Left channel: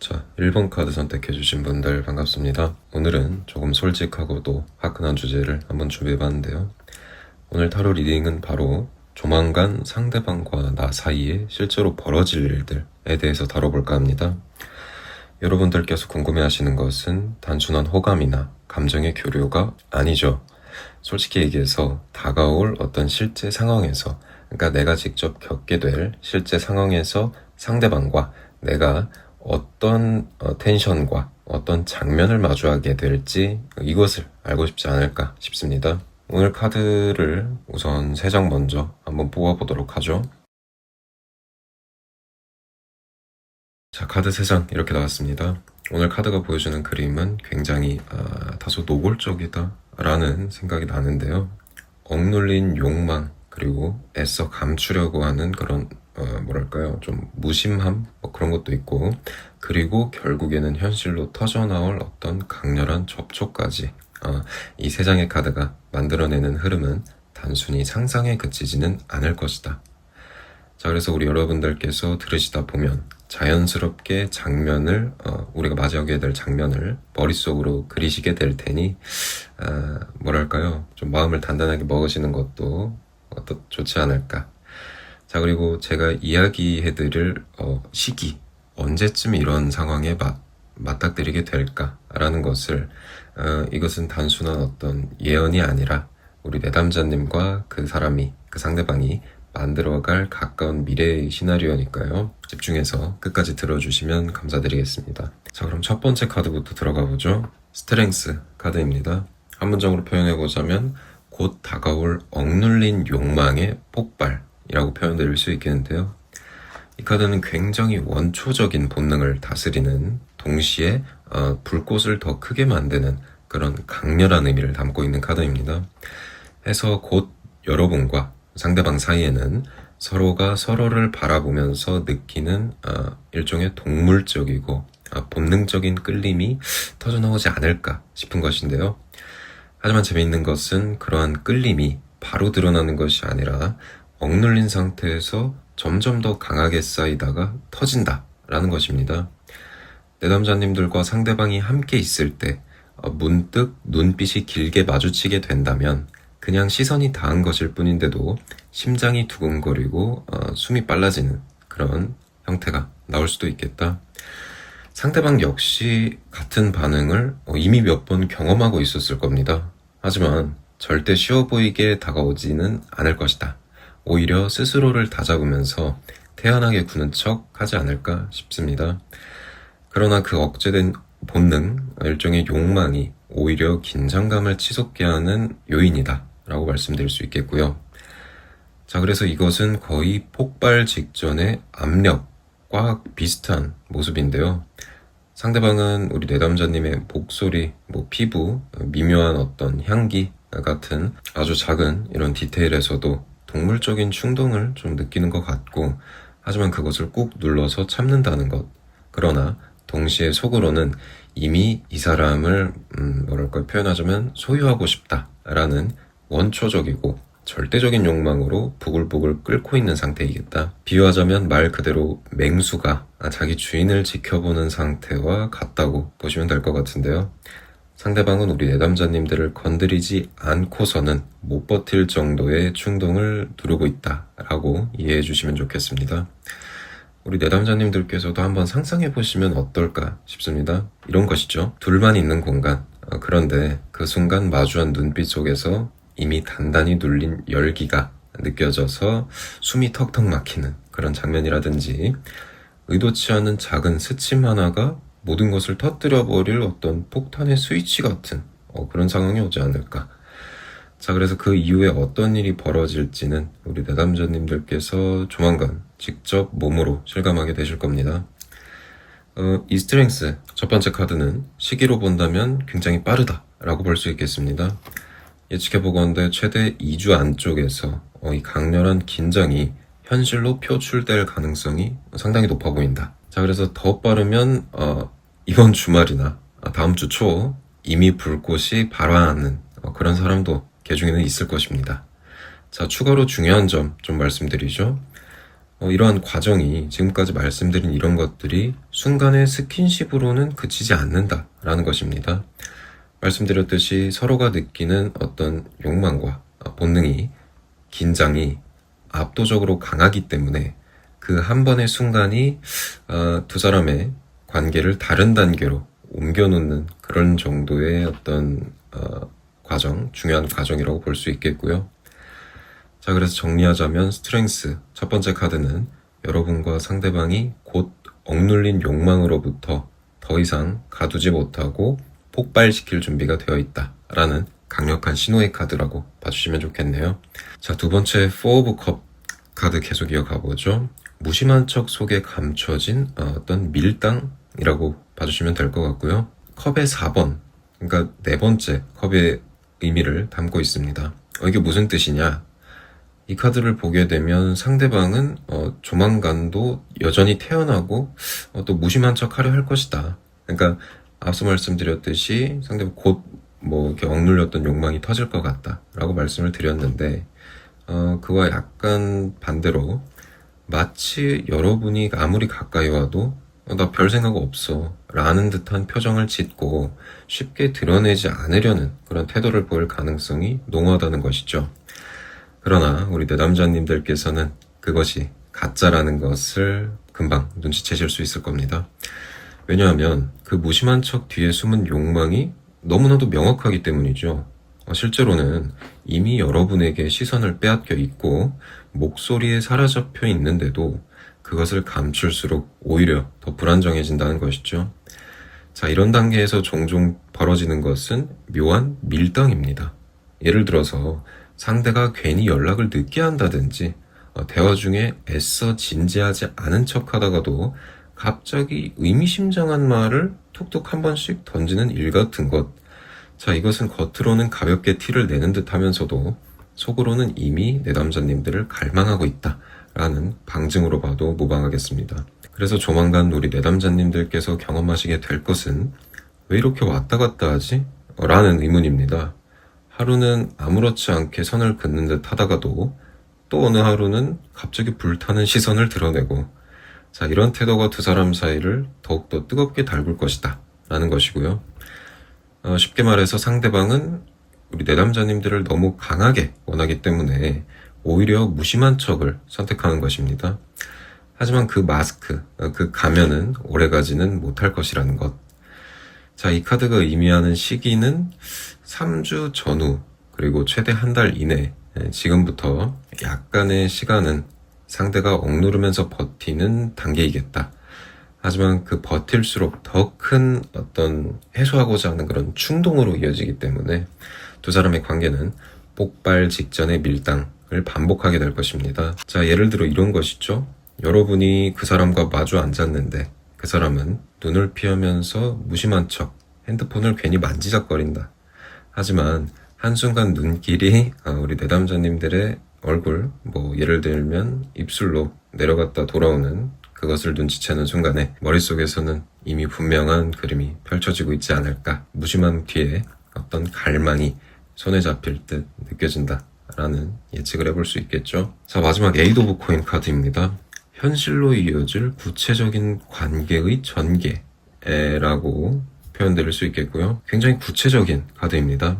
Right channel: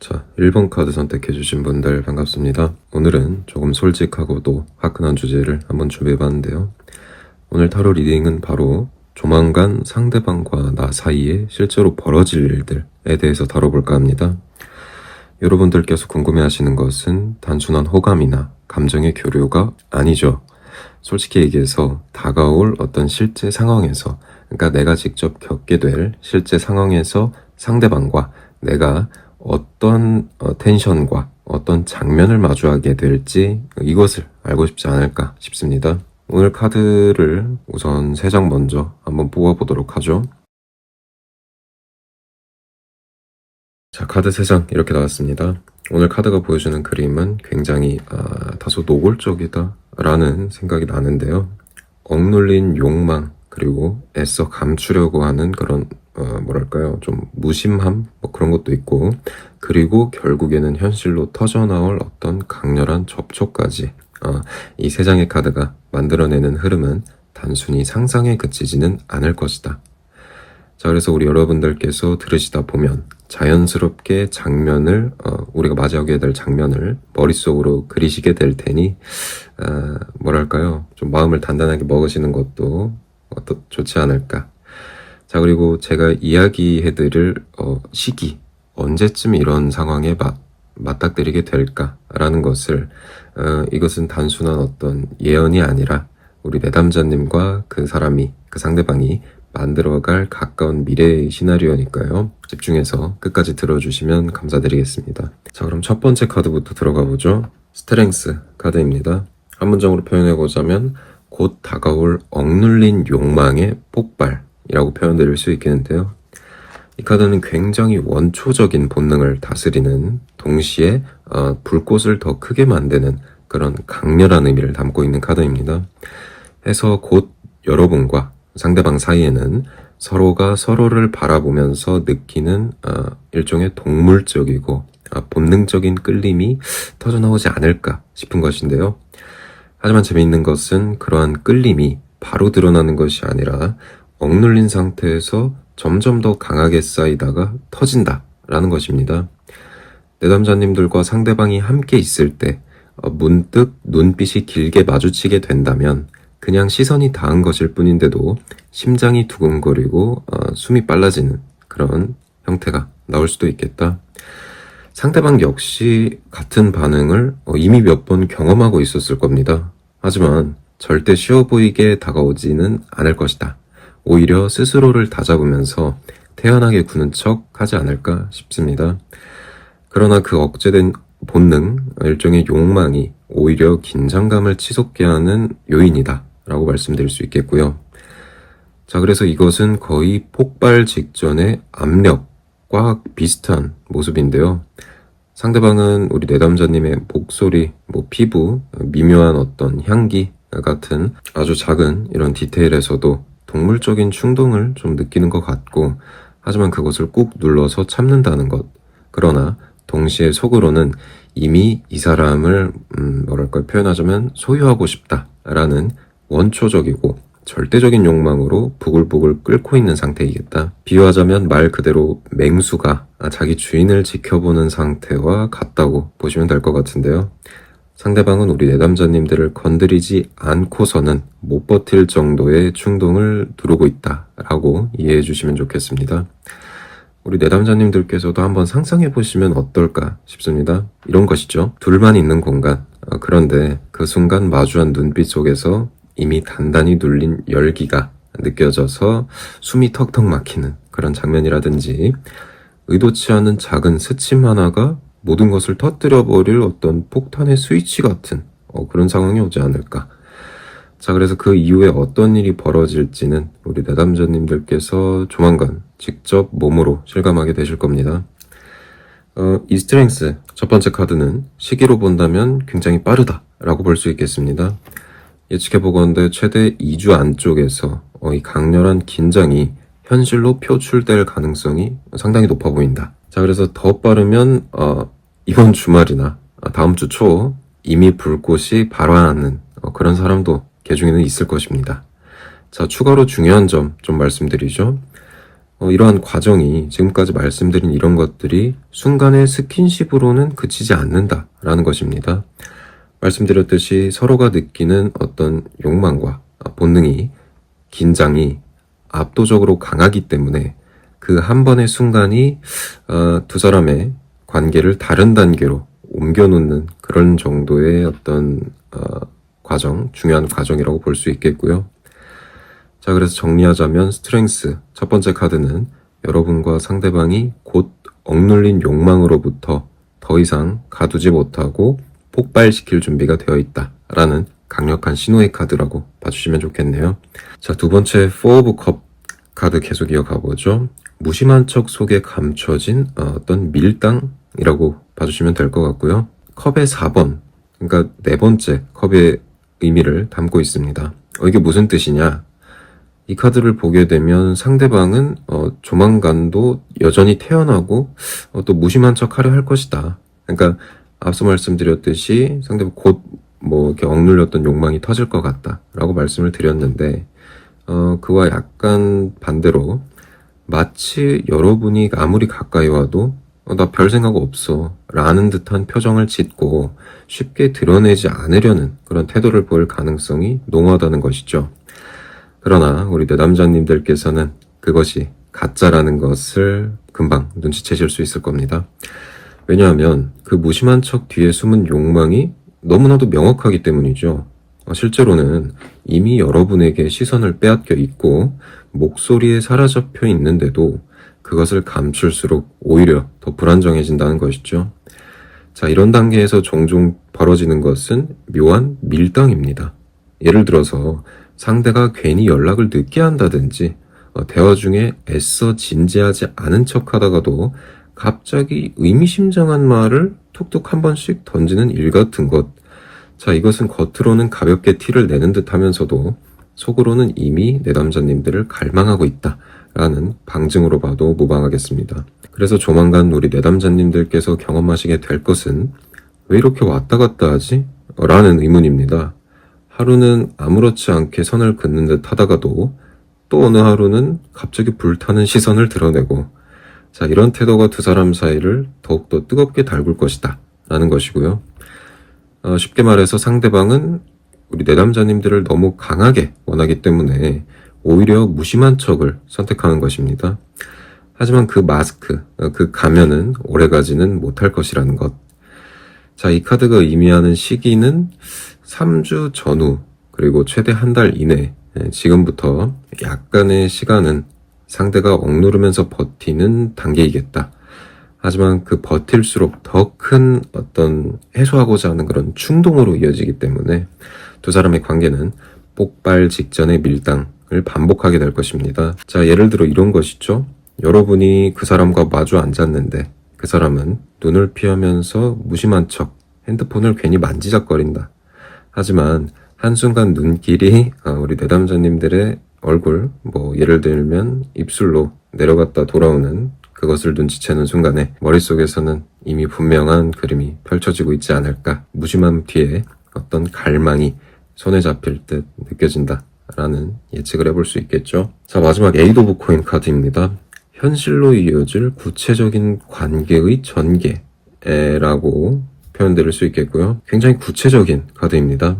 자, 1번 카드 선택해주신 분들 반갑습니다. 오늘은 조금 솔직하고도 화끈한 주제를 한번 준비해봤는데요. 오늘 타로 리딩은 바로 조만간 상대방과 나 사이에 실제로 벌어질 일들에 대해서 다뤄볼까 합니다. 여러분들께서 궁금해하시는 것은 단순한 호감이나 감정의 교류가 아니죠. 솔직히 얘기해서 다가올 어떤 실제 상황에서, 그러니까 내가 직접 겪게 될 실제 상황에서 상대방과 내가 어떤 텐션과 어떤 장면을 마주하게 될지 이것을 알고 싶지 않을까 싶습니다. 오늘 카드를 우선 3장 먼저 한번 뽑아보도록 하죠. 자, 카드 3장 이렇게 나왔습니다. 오늘 카드가 보여주는 그림은 굉장히 다소 노골적이다 라는 생각이 나는데요. 억눌린 욕망, 그리고 애써 감추려고 하는 그런 좀 무심함 그런 것도 있고, 그리고 결국에는 현실로 터져나올 어떤 강렬한 접촉까지 이 3장의 카드가 만들어내는 흐름은 단순히 상상에 그치지는 않을 것이다. 자, 그래서 우리 여러분들께서 들으시다 보면 자연스럽게 장면을 우리가 맞이하게 될 장면을 머릿속으로 그리시게 될 테니 좀 마음을 단단하게 먹으시는 것도 좋지 않을까. 자, 그리고 제가 이야기해드릴 시기, 언제쯤 이런 상황에 맞닥뜨리게 될까라는 것을 이것은 단순한 어떤 예언이 아니라 우리 내담자님과 그 상대방이 만들어갈 가까운 미래의 시나리오니까요. 집중해서 끝까지 들어주시면 감사드리겠습니다. 자, 그럼 첫 번째 카드부터 들어가 보죠. 스트렝스 카드입니다. 한 문장으로 표현해보자면 곧 다가올 억눌린 욕망의 폭발이라고 표현드릴 수 있겠는데요. 이 카드는 굉장히 원초적인 본능을 다스리는, 동시에 불꽃을 더 크게 만드는 그런 강렬한 의미를 담고 있는 카드입니다. 해서 곧 여러분과 상대방 사이에는 서로가 서로를 바라보면서 느끼는 일종의 동물적이고 본능적인 끌림이 터져나오지 않을까 싶은 것인데요. 하지만 재미있는 것은 그러한 끌림이 바로 드러나는 것이 아니라 억눌린 상태에서 점점 더 강하게 쌓이다가 터진다라는 것입니다. 내담자님들과 상대방이 함께 있을 때 문득 눈빛이 길게 마주치게 된다면 그냥 시선이 닿은 것일 뿐인데도 심장이 두근거리고 숨이 빨라지는 그런 형태가 나올 수도 있겠다. 상대방 역시 같은 반응을 이미 몇 번 경험하고 있었을 겁니다. 하지만 절대 쉬워 보이게 다가오지는 않을 것이다. 오히려 스스로를 다잡으면서 태연하게 구는 척 하지 않을까 싶습니다. 그러나 그 억제된 본능, 일종의 욕망이 오히려 긴장감을 치솟게 하는 요인이다 라고 말씀드릴 수 있겠고요. 자, 그래서 이것은 거의 폭발 직전의 압력과 비슷한 모습인데요. 상대방은 우리 내담자님의 목소리, 피부, 미묘한 어떤 향기 같은 아주 작은 이런 디테일에서도 동물적인 충동을 좀 느끼는 것 같고, 하지만 그것을 꾹 눌러서 참는다는 것. 그러나 동시에 속으로는 이미 이 사람을 표현하자면 소유하고 싶다라는 원초적이고 절대적인 욕망으로 부글부글 끓고 있는 상태이겠다. 비유하자면 말 그대로 맹수가 자기 주인을 지켜보는 상태와 같다고 보시면 될 것 같은데요. 상대방은 우리 내담자님들을 건드리지 않고서는 못 버틸 정도의 충동을 누르고 있다라고 이해해 주시면 좋겠습니다. 우리 내담자님들께서도 한번 상상해 보시면 어떨까 싶습니다. 이런 것이죠. 둘만 있는 공간. 그런데 그 순간 마주한 눈빛 속에서 이미 단단히 눌린 열기가 느껴져서 숨이 턱턱 막히는 그런 장면이라든지, 의도치 않은 작은 스침 하나가 모든 것을 터뜨려버릴 어떤 폭탄의 스위치 같은 그런 상황이 오지 않을까. 자, 그래서 그 이후에 어떤 일이 벌어질지는 우리 내담자님들께서 조만간 직접 몸으로 실감하게 되실 겁니다. 이 스트렝스 첫 번째 카드는 시기로 본다면 굉장히 빠르다 라고 볼 수 있겠습니다. 예측해보건대 최대 2주 안쪽에서 이 강렬한 긴장이 현실로 표출될 가능성이 상당히 높아 보인다. 자, 그래서 더 빠르면 이번 주말이나 다음 주 초 이미 불꽃이 발화하는 그런 사람도 개중에는 있을 것입니다. 자, 추가로 중요한 점 좀 말씀드리죠. 이러한 과정이 지금까지 말씀드린 이런 것들이 순간의 스킨십으로는 그치지 않는다라는 것입니다. 말씀드렸듯이 서로가 느끼는 어떤 욕망과 본능이, 긴장이 압도적으로 강하기 때문에 그 한 번의 순간이 두 사람의 관계를 다른 단계로 옮겨놓는 그런 정도의 어떤 과정, 중요한 과정이라고 볼 수 있겠고요. 자, 그래서 정리하자면 스트렝스 첫 번째 카드는 여러분과 상대방이 곧 억눌린 욕망으로부터 더 이상 가두지 못하고 폭발시킬 준비가 되어 있다라는 강력한 신호의 카드라고 봐주시면 좋겠네요. 자, 두 번째 Four of Cup 카드 계속 이어가 보죠. 무심한 척 속에 감춰진 어떤 밀당이라고 봐주시면 될 것 같고요. 컵의 4번, 그러니까 네 번째 컵의 의미를 담고 있습니다. 이게 무슨 뜻이냐? 이 카드를 보게 되면 상대방은 조만간도 여전히 태어나고 또 무심한 척 하려 할 것이다. 그러니까 앞서 말씀드렸듯이 상대방 곧 이렇게 억눌렸던 욕망이 터질 것 같다 라고 말씀을 드렸는데 그와 약간 반대로 마치 여러분이 아무리 가까이 와도 나 별 생각 없어 라는 듯한 표정을 짓고 쉽게 드러내지 않으려는 그런 태도를 보일 가능성이 농후하다는 것이죠. 그러나 우리 내담자님들께서는 그것이 가짜라는 것을 금방 눈치채실 수 있을 겁니다. 왜냐하면 그 무심한 척 뒤에 숨은 욕망이 너무나도 명확하기 때문이죠. 실제로는 이미 여러분에게 시선을 빼앗겨 있고 목소리에 사라져펴 있는데도 그것을 감출수록 오히려 더 불안정해진다는 것이죠. 자, 이런 단계에서 종종 벌어지는 것은 묘한 밀당입니다. 예를 들어서 상대가 괜히 연락을 늦게 한다든지 대화 중에 애써 진지하지 않은 척 하다가도 갑자기 의미심장한 말을 툭툭 한 번씩 던지는 일 같은 것. 자, 이것은 겉으로는 가볍게 티를 내는 듯 하면서도 속으로는 이미 내담자님들을 갈망하고 있다라는 방증으로 봐도 무방하겠습니다. 그래서 조만간 우리 내담자님들께서 경험하시게 될 것은 왜 이렇게 왔다 갔다 하지? 라는 의문입니다. 하루는 아무렇지 않게 선을 긋는 듯 하다가도 또 어느 하루는 갑자기 불타는 시선을 드러내고 자, 이런 태도가 두 사람 사이를 더욱더 뜨겁게 달굴 것이다 라는 것이고요. 쉽게 말해서 상대방은 우리 내담자님들을 너무 강하게 원하기 때문에 오히려 무심한 척을 선택하는 것입니다. 하지만 그 마스크, 그 가면은 오래가지는 못할 것이라는 것. 자, 이 카드가 의미하는 시기는 3주 전후 그리고 최대 한 달 이내 지금부터 약간의 시간은 상대가 억누르면서 버티는 단계이겠다. 하지만 그 버틸수록 더 큰 어떤 해소하고자 하는 그런 충동으로 이어지기 때문에 두 사람의 관계는 폭발 직전의 밀당을 반복하게 될 것입니다. 자, 예를 들어 이런 것이죠. 여러분이 그 사람과 마주 앉았는데 그 사람은 눈을 피하면서 무심한 척 핸드폰을 괜히 만지작거린다. 하지만 한순간 눈길이 우리 내담자님들의 얼굴, 예를 들면 입술로 내려갔다 돌아오는 그것을 눈치채는 순간에 머릿속에서는 이미 분명한 그림이 펼쳐지고 있지 않을까. 무심함 뒤에 어떤 갈망이 손에 잡힐 듯 느껴진다라는 예측을 해볼 수 있겠죠. 자, 마지막 에이드 오브 코인 카드입니다. 현실로 이어질 구체적인 관계의 전개라고 표현드릴 수 있겠고요. 굉장히 구체적인 카드입니다.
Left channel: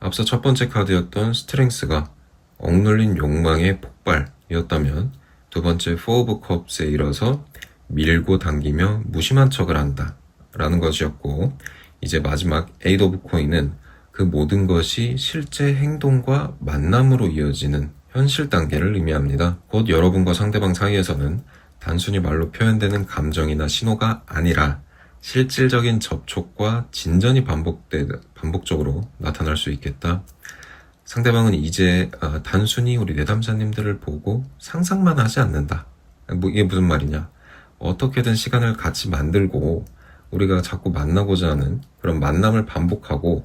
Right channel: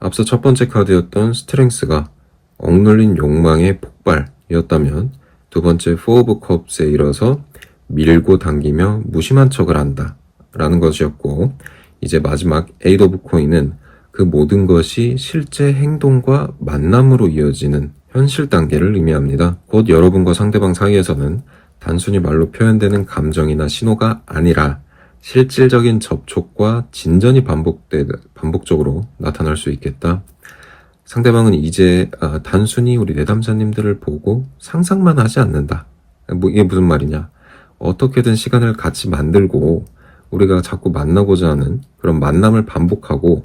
앞서 첫 번째 카드였던 스트렝스가 억눌린 욕망의 폭발이었다면 두 번째 포 오브 컵스에 이뤄서 밀고 당기며 무심한 척을 한다 라는 것이었고 이제 마지막 에이드 오브 코인은 그 모든 것이 실제 행동과 만남으로 이어지는 현실 단계를 의미합니다. 곧 여러분과 상대방 사이에서는 단순히 말로 표현되는 감정이나 신호가 아니라 실질적인 접촉과 진전이 반복적으로 나타날 수 있겠다. 상대방은 이제 단순히 우리 내담자님들을 보고 상상만 하지 않는다. 이게 무슨 말이냐. 어떻게든 시간을 같이 만들고 우리가 자꾸 만나고자 하는 그런 만남을 반복하고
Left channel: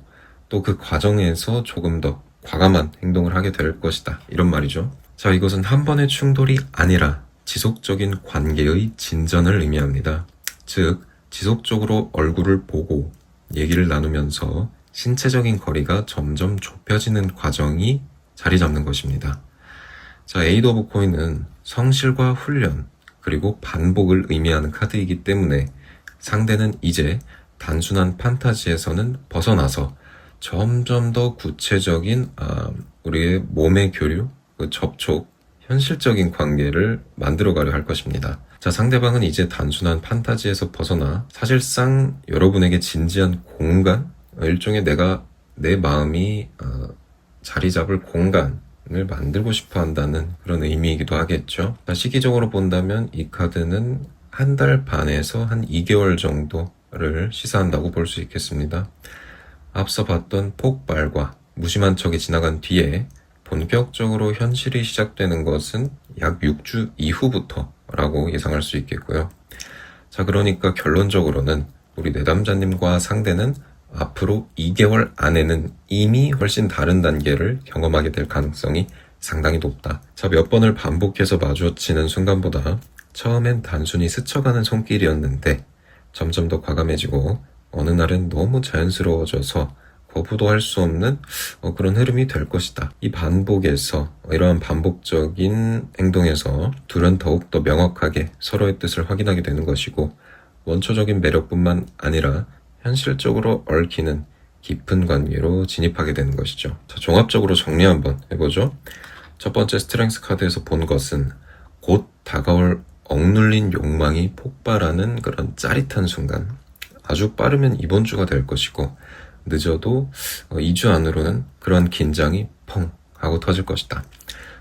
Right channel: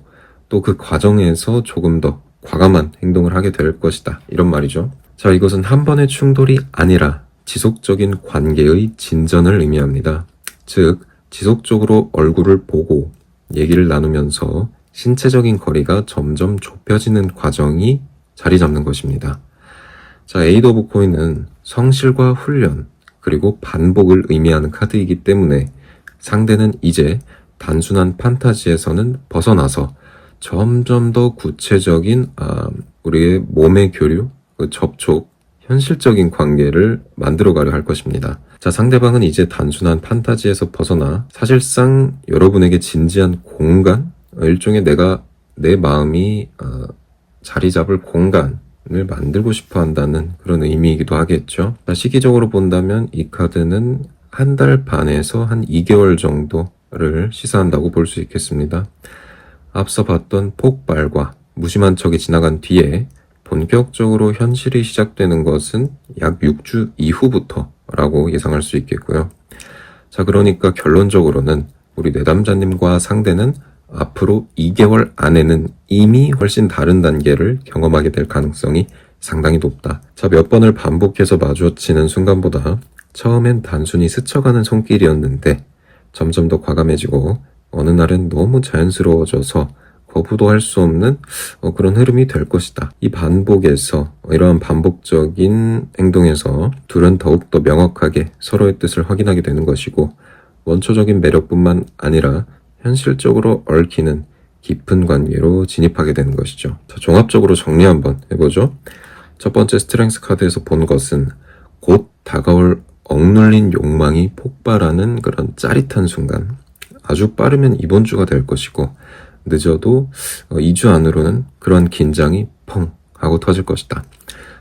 또 그 과정에서 조금 더 과감한 행동을 하게 될 것이다. 이런 말이죠. 자, 이것은 한 번의 충돌이 아니라 지속적인 관계의 진전을 의미합니다. 즉, 지속적으로 얼굴을 보고 얘기를 나누면서 신체적인 거리가 점점 좁혀지는 과정이 자리 잡는 것입니다. 자, 에이드 오브 코인은 성실과 훈련, 그리고 반복을 의미하는 카드이기 때문에 상대는 이제 단순한 판타지에서는 벗어나서 점점 더 구체적인 우리의 몸의 교류, 그 접촉, 현실적인 관계를 만들어가려 할 것입니다. 자, 상대방은 이제 단순한 판타지에서 벗어나 사실상 여러분에게 진지한 공간, 일종의 내 마음이 자리 잡을 공간을 만들고 싶어 한다는 그런 의미이기도 하겠죠. 자, 시기적으로 본다면 이 카드는 한 달 반에서 한 2개월 정도를 시사한다고 볼 수 있겠습니다. 앞서 봤던 폭발과 무심한 척이 지나간 뒤에 본격적으로 현실이 시작되는 것은 약 6주 이후부터라고 예상할 수 있겠고요. 자, 그러니까 결론적으로는 우리 내담자님과 상대는 앞으로 2개월 안에는 이미 훨씬 다른 단계를 경험하게 될 가능성이 상당히 높다. 자, 몇 번을 반복해서 마주치는 순간보다 처음엔 단순히 스쳐가는 손길이었는데 점점 더 과감해지고 어느 날은 너무 자연스러워져서 거부도 할 수 없는 그런 흐름이 될 것이다. 이 반복에서 이러한 반복적인 행동에서 둘은 더욱더 명확하게 서로의 뜻을 확인하게 되는 것이고 원초적인 매력뿐만 아니라 현실적으로 얽히는 깊은 관계로 진입하게 되는 것이죠. 자, 종합적으로 정리 한번 해보죠. 첫 번째 스트렝스 카드에서 본 것은 곧 다가올 억눌린 욕망이 폭발하는 그런 짜릿한 순간, 아주 빠르면 이번 주가 될 것이고 늦어도 2주 안으로는 그런 긴장이 펑 하고 터질 것이다.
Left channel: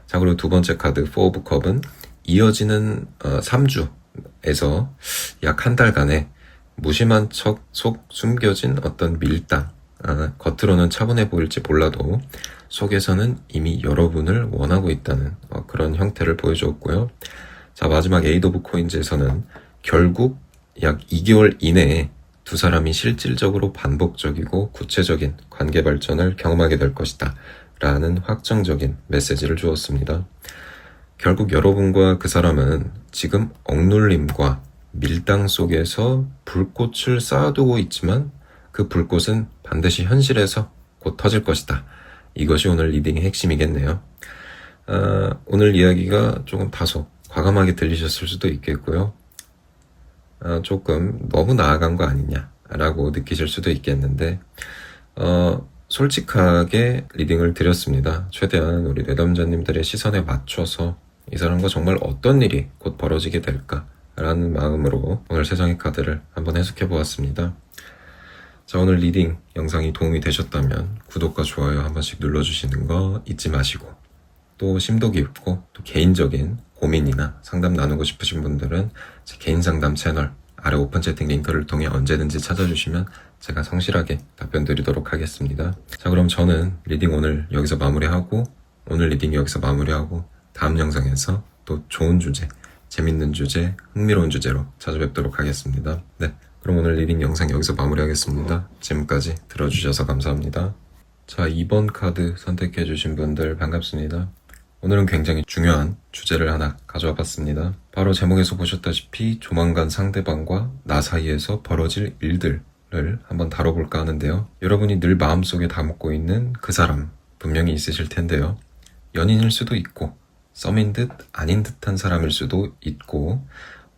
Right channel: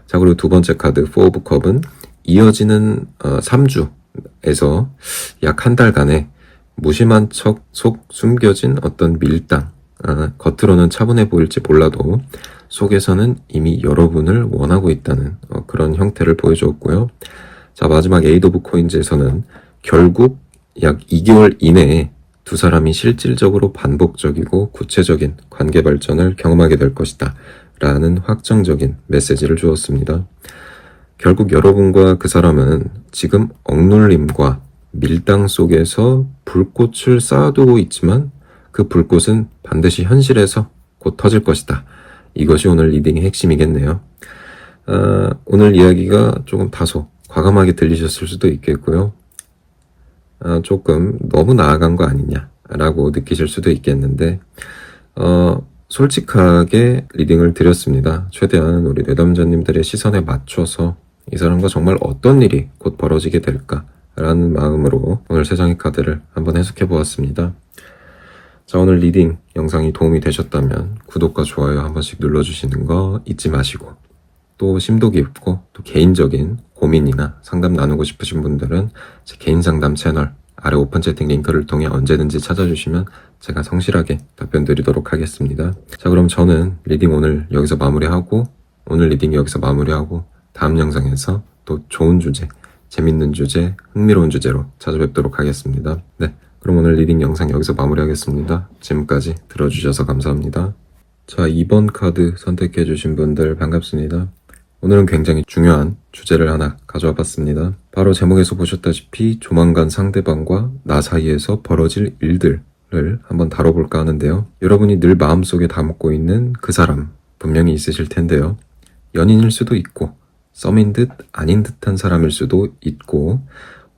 자, 그리고 두 번째 카드 4 오브 컵은 이어지는 3주에서 약 한 달간의 무심한 척 속 숨겨진 어떤 밀당, 겉으로는 차분해 보일지 몰라도 속에서는 이미 여러분을 원하고 있다는 그런 형태를 보여주었고요. 자, 마지막 에이드 오브 코인즈에서는 결국 약 2개월 이내에 두 사람이 실질적으로 반복적이고 구체적인 관계 발전을 경험하게 될 것이다 라는 확정적인 메시지를 주었습니다. 결국 여러분과 그 사람은 지금 억눌림과 밀당 속에서 불꽃을 쌓아두고 있지만 그 불꽃은 반드시 현실에서 곧 터질 것이다. 이것이 오늘 리딩의 핵심이겠네요. 오늘 이야기가 조금 다소 과감하게 들리셨을 수도 있겠고요. 조금 너무 나아간 거 아니냐라고 느끼실 수도 있겠는데 솔직하게 리딩을 드렸습니다. 최대한 우리 내담자님들의 시선에 맞춰서 이 사람과 정말 어떤 일이 곧 벌어지게 될까라는 마음으로 오늘 세상의 카드를 한번 해석해 보았습니다. 자, 오늘 리딩 영상이 도움이 되셨다면 구독과 좋아요 한 번씩 눌러주시는 거 잊지 마시고, 또 심도 깊고 또 개인적인 고민이나 상담 나누고 싶으신 분들은 제 개인 상담 채널 아래 오픈 채팅 링크를 통해 언제든지 찾아주시면 제가 성실하게 답변 드리도록 하겠습니다. 자, 그럼 저는 리딩 오늘 여기서 마무리하고 다음 영상에서 또 좋은 주제, 재밌는 주제, 흥미로운 주제로 찾아뵙도록 하겠습니다. 네, 그럼 오늘 리딩 영상 여기서 마무리하겠습니다. 지금까지 들어주셔서 감사합니다. 자, 2번 카드 선택해주신 분들 반갑습니다. 오늘은 굉장히 중요한 주제를 하나 가져와 봤습니다. 바로 제목에서 보셨다시피 조만간 상대방과 나 사이에서 벌어질 일들을 한번 다뤄볼까 하는데요. 여러분이 늘 마음속에 담고 있는 그 사람 분명히 있으실 텐데요. 연인일 수도 있고 썸인 듯 아닌 듯한 사람일 수도 있고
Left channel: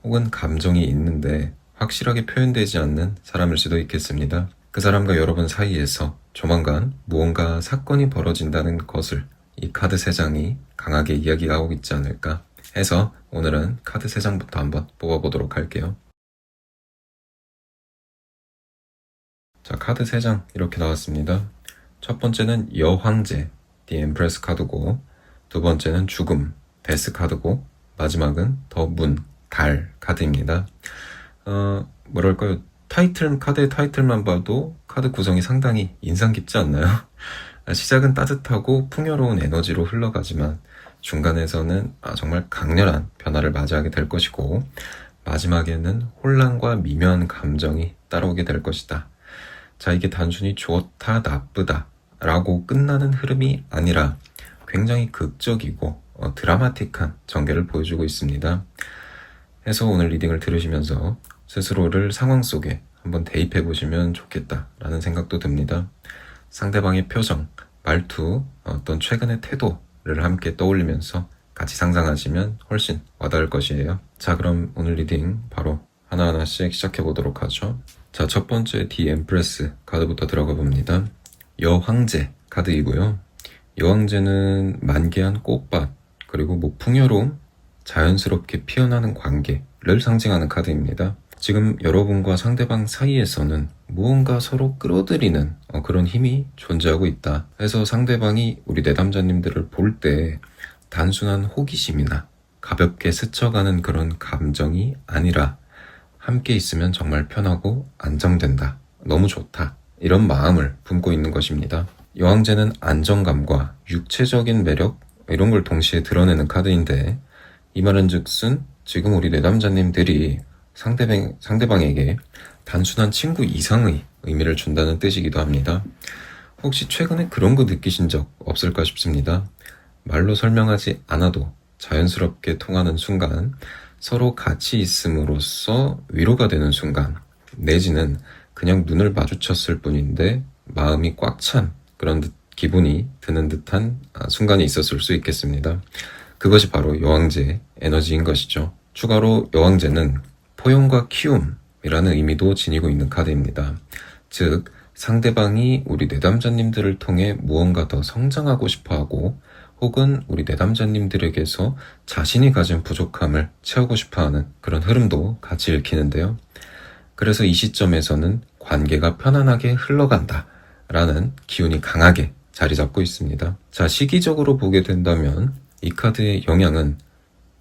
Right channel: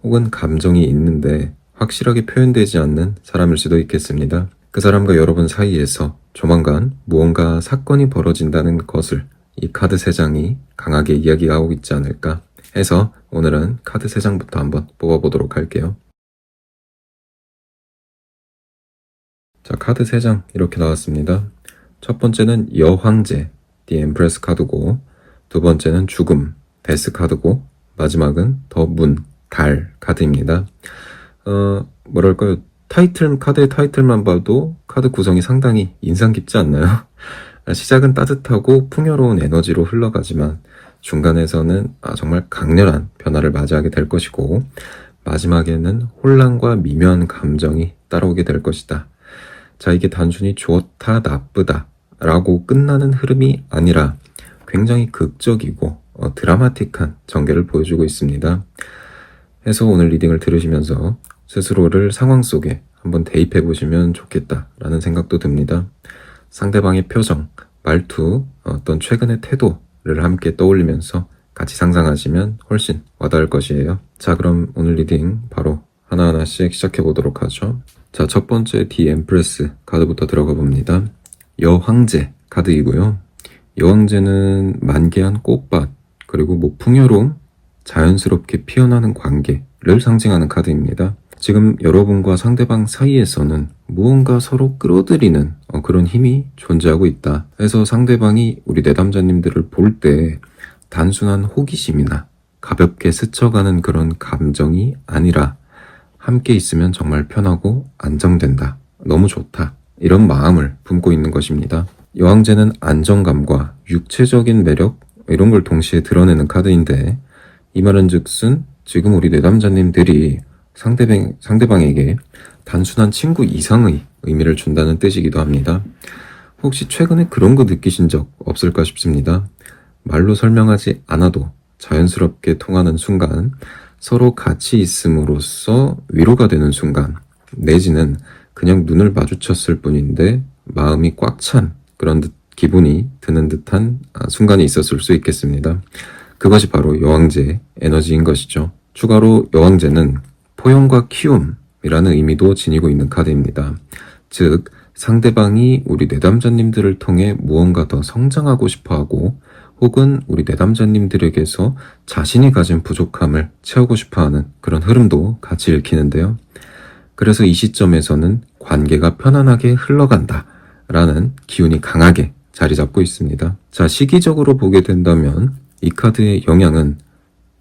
혹은 감정이 있는데 확실하게 표현되지 않는 사람일 수도 있겠습니다. 그 사람과 여러분 사이에서 조만간 무언가 사건이 벌어진다는 것을 이 카드 3장이 강하게 이야기하고 있지 않을까 해서 오늘은 카드 3장부터 한번 뽑아보도록 할게요. 자, 카드 3장 이렇게 나왔습니다. 첫 번째는 여황제, The Empress 카드고, 두 번째는 죽음, 데스 카드고, 마지막은 더 문, 달 카드입니다. 뭐랄까요, 카드의 타이틀만 봐도 카드 구성이 상당히 인상 깊지 않나요? 시작은 따뜻하고 풍요로운 에너지로 흘러가지만 중간에서는 정말 강렬한 변화를 맞이하게 될 것이고 마지막에는 혼란과 미묘한 감정이 따라오게 될 것이다. 자, 이게 단순히 좋다, 나쁘다 라고 끝나는 흐름이 아니라 굉장히 극적이고 드라마틱한 전개를 보여주고 있습니다. 해서 오늘 리딩을 들으시면서 스스로를 상황 속에 한번 대입해 보시면 좋겠다라는 생각도 듭니다. 상대방의 표정, 말투, 어떤 최근의 태도를 함께 떠올리면서 같이 상상하시면 훨씬 와닿을 것이에요. 자, 그럼 오늘 리딩 바로 하나하나씩 시작해 보도록 하죠. 자, 첫 번째 디 엠프레스 카드부터 들어가 봅니다. 여황제 카드이고요. 여황제는 만개한 꽃밭, 그리고 뭐 풍요로움, 자연스럽게 피어나는 관계를 상징하는 카드입니다. 지금 여러분과 상대방 사이에서는 무언가 서로 끌어들이는 그런 힘이 존재하고 있다 해서 상대방이 우리 내담자님들을 볼 때 단순한 호기심이나 가볍게 스쳐가는 그런 감정이 아니라 함께 있으면 정말 편하고 안정된다, 너무 좋다, 이런 마음을 품고 있는 것입니다. 여왕제는 안정감과 육체적인 매력, 이런 걸 동시에 드러내는 카드인데, 이 말은 즉슨 지금 우리 내담자님들이 상대방에게 단순한 친구 이상의 의미를 준다는 뜻이기도 합니다. 혹시 최근에 그런 거 느끼신 적 없을까 싶습니다. 말로 설명하지 않아도 자연스럽게 통하는 순간, 서로 같이 있음으로써 위로가 되는 순간, 내지는 그냥 눈을 마주쳤을 뿐인데 마음이 꽉 찬 그런 기분이 드는 듯한 순간이 있었을 수 있겠습니다. 그것이 바로 여왕제의 에너지인 것이죠. 추가로 여왕제는 포용과 키움이라는 의미도 지니고 있는 카드입니다. 즉, 상대방이 우리 내담자님들을 통해 무언가 더 성장하고 싶어하고, 혹은 우리 내담자님들에게서 자신이 가진 부족함을 채우고 싶어하는 그런 흐름도 같이 읽히는데요. 그래서 이 시점에서는 관계가 편안하게 흘러간다 라는 기운이 강하게 자리 잡고 있습니다. 자, 시기적으로 보게 된다면 이 카드의 영향은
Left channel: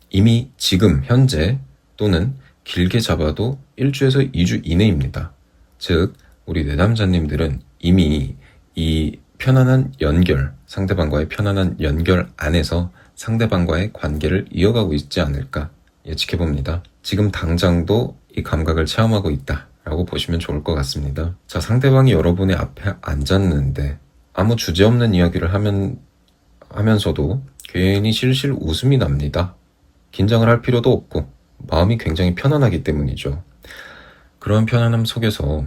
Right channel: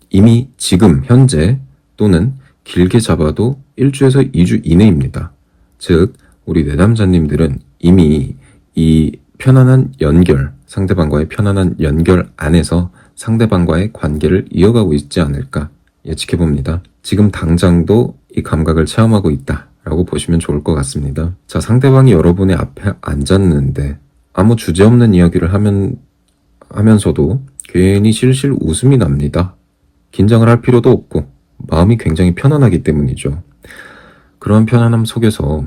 이미 지금 현재 또는 길게 잡아도 1주에서 2주 이내입니다. 즉, 우리 내담자님들은 이미 이 편안한 연결, 상대방과의 편안한 연결 안에서 상대방과의 관계를 이어가고 있지 않을까 예측해봅니다. 지금 당장도 이 감각을 체험하고 있다라고 보시면 좋을 것 같습니다. 자, 상대방이 여러분의 앞에 앉았는데 아무 주제없는 이야기를 하면서도 괜히 실실 웃음이 납니다. 긴장을 할 필요도 없고 마음이 굉장히 편안하기 때문이죠. 그런 편안함 속에서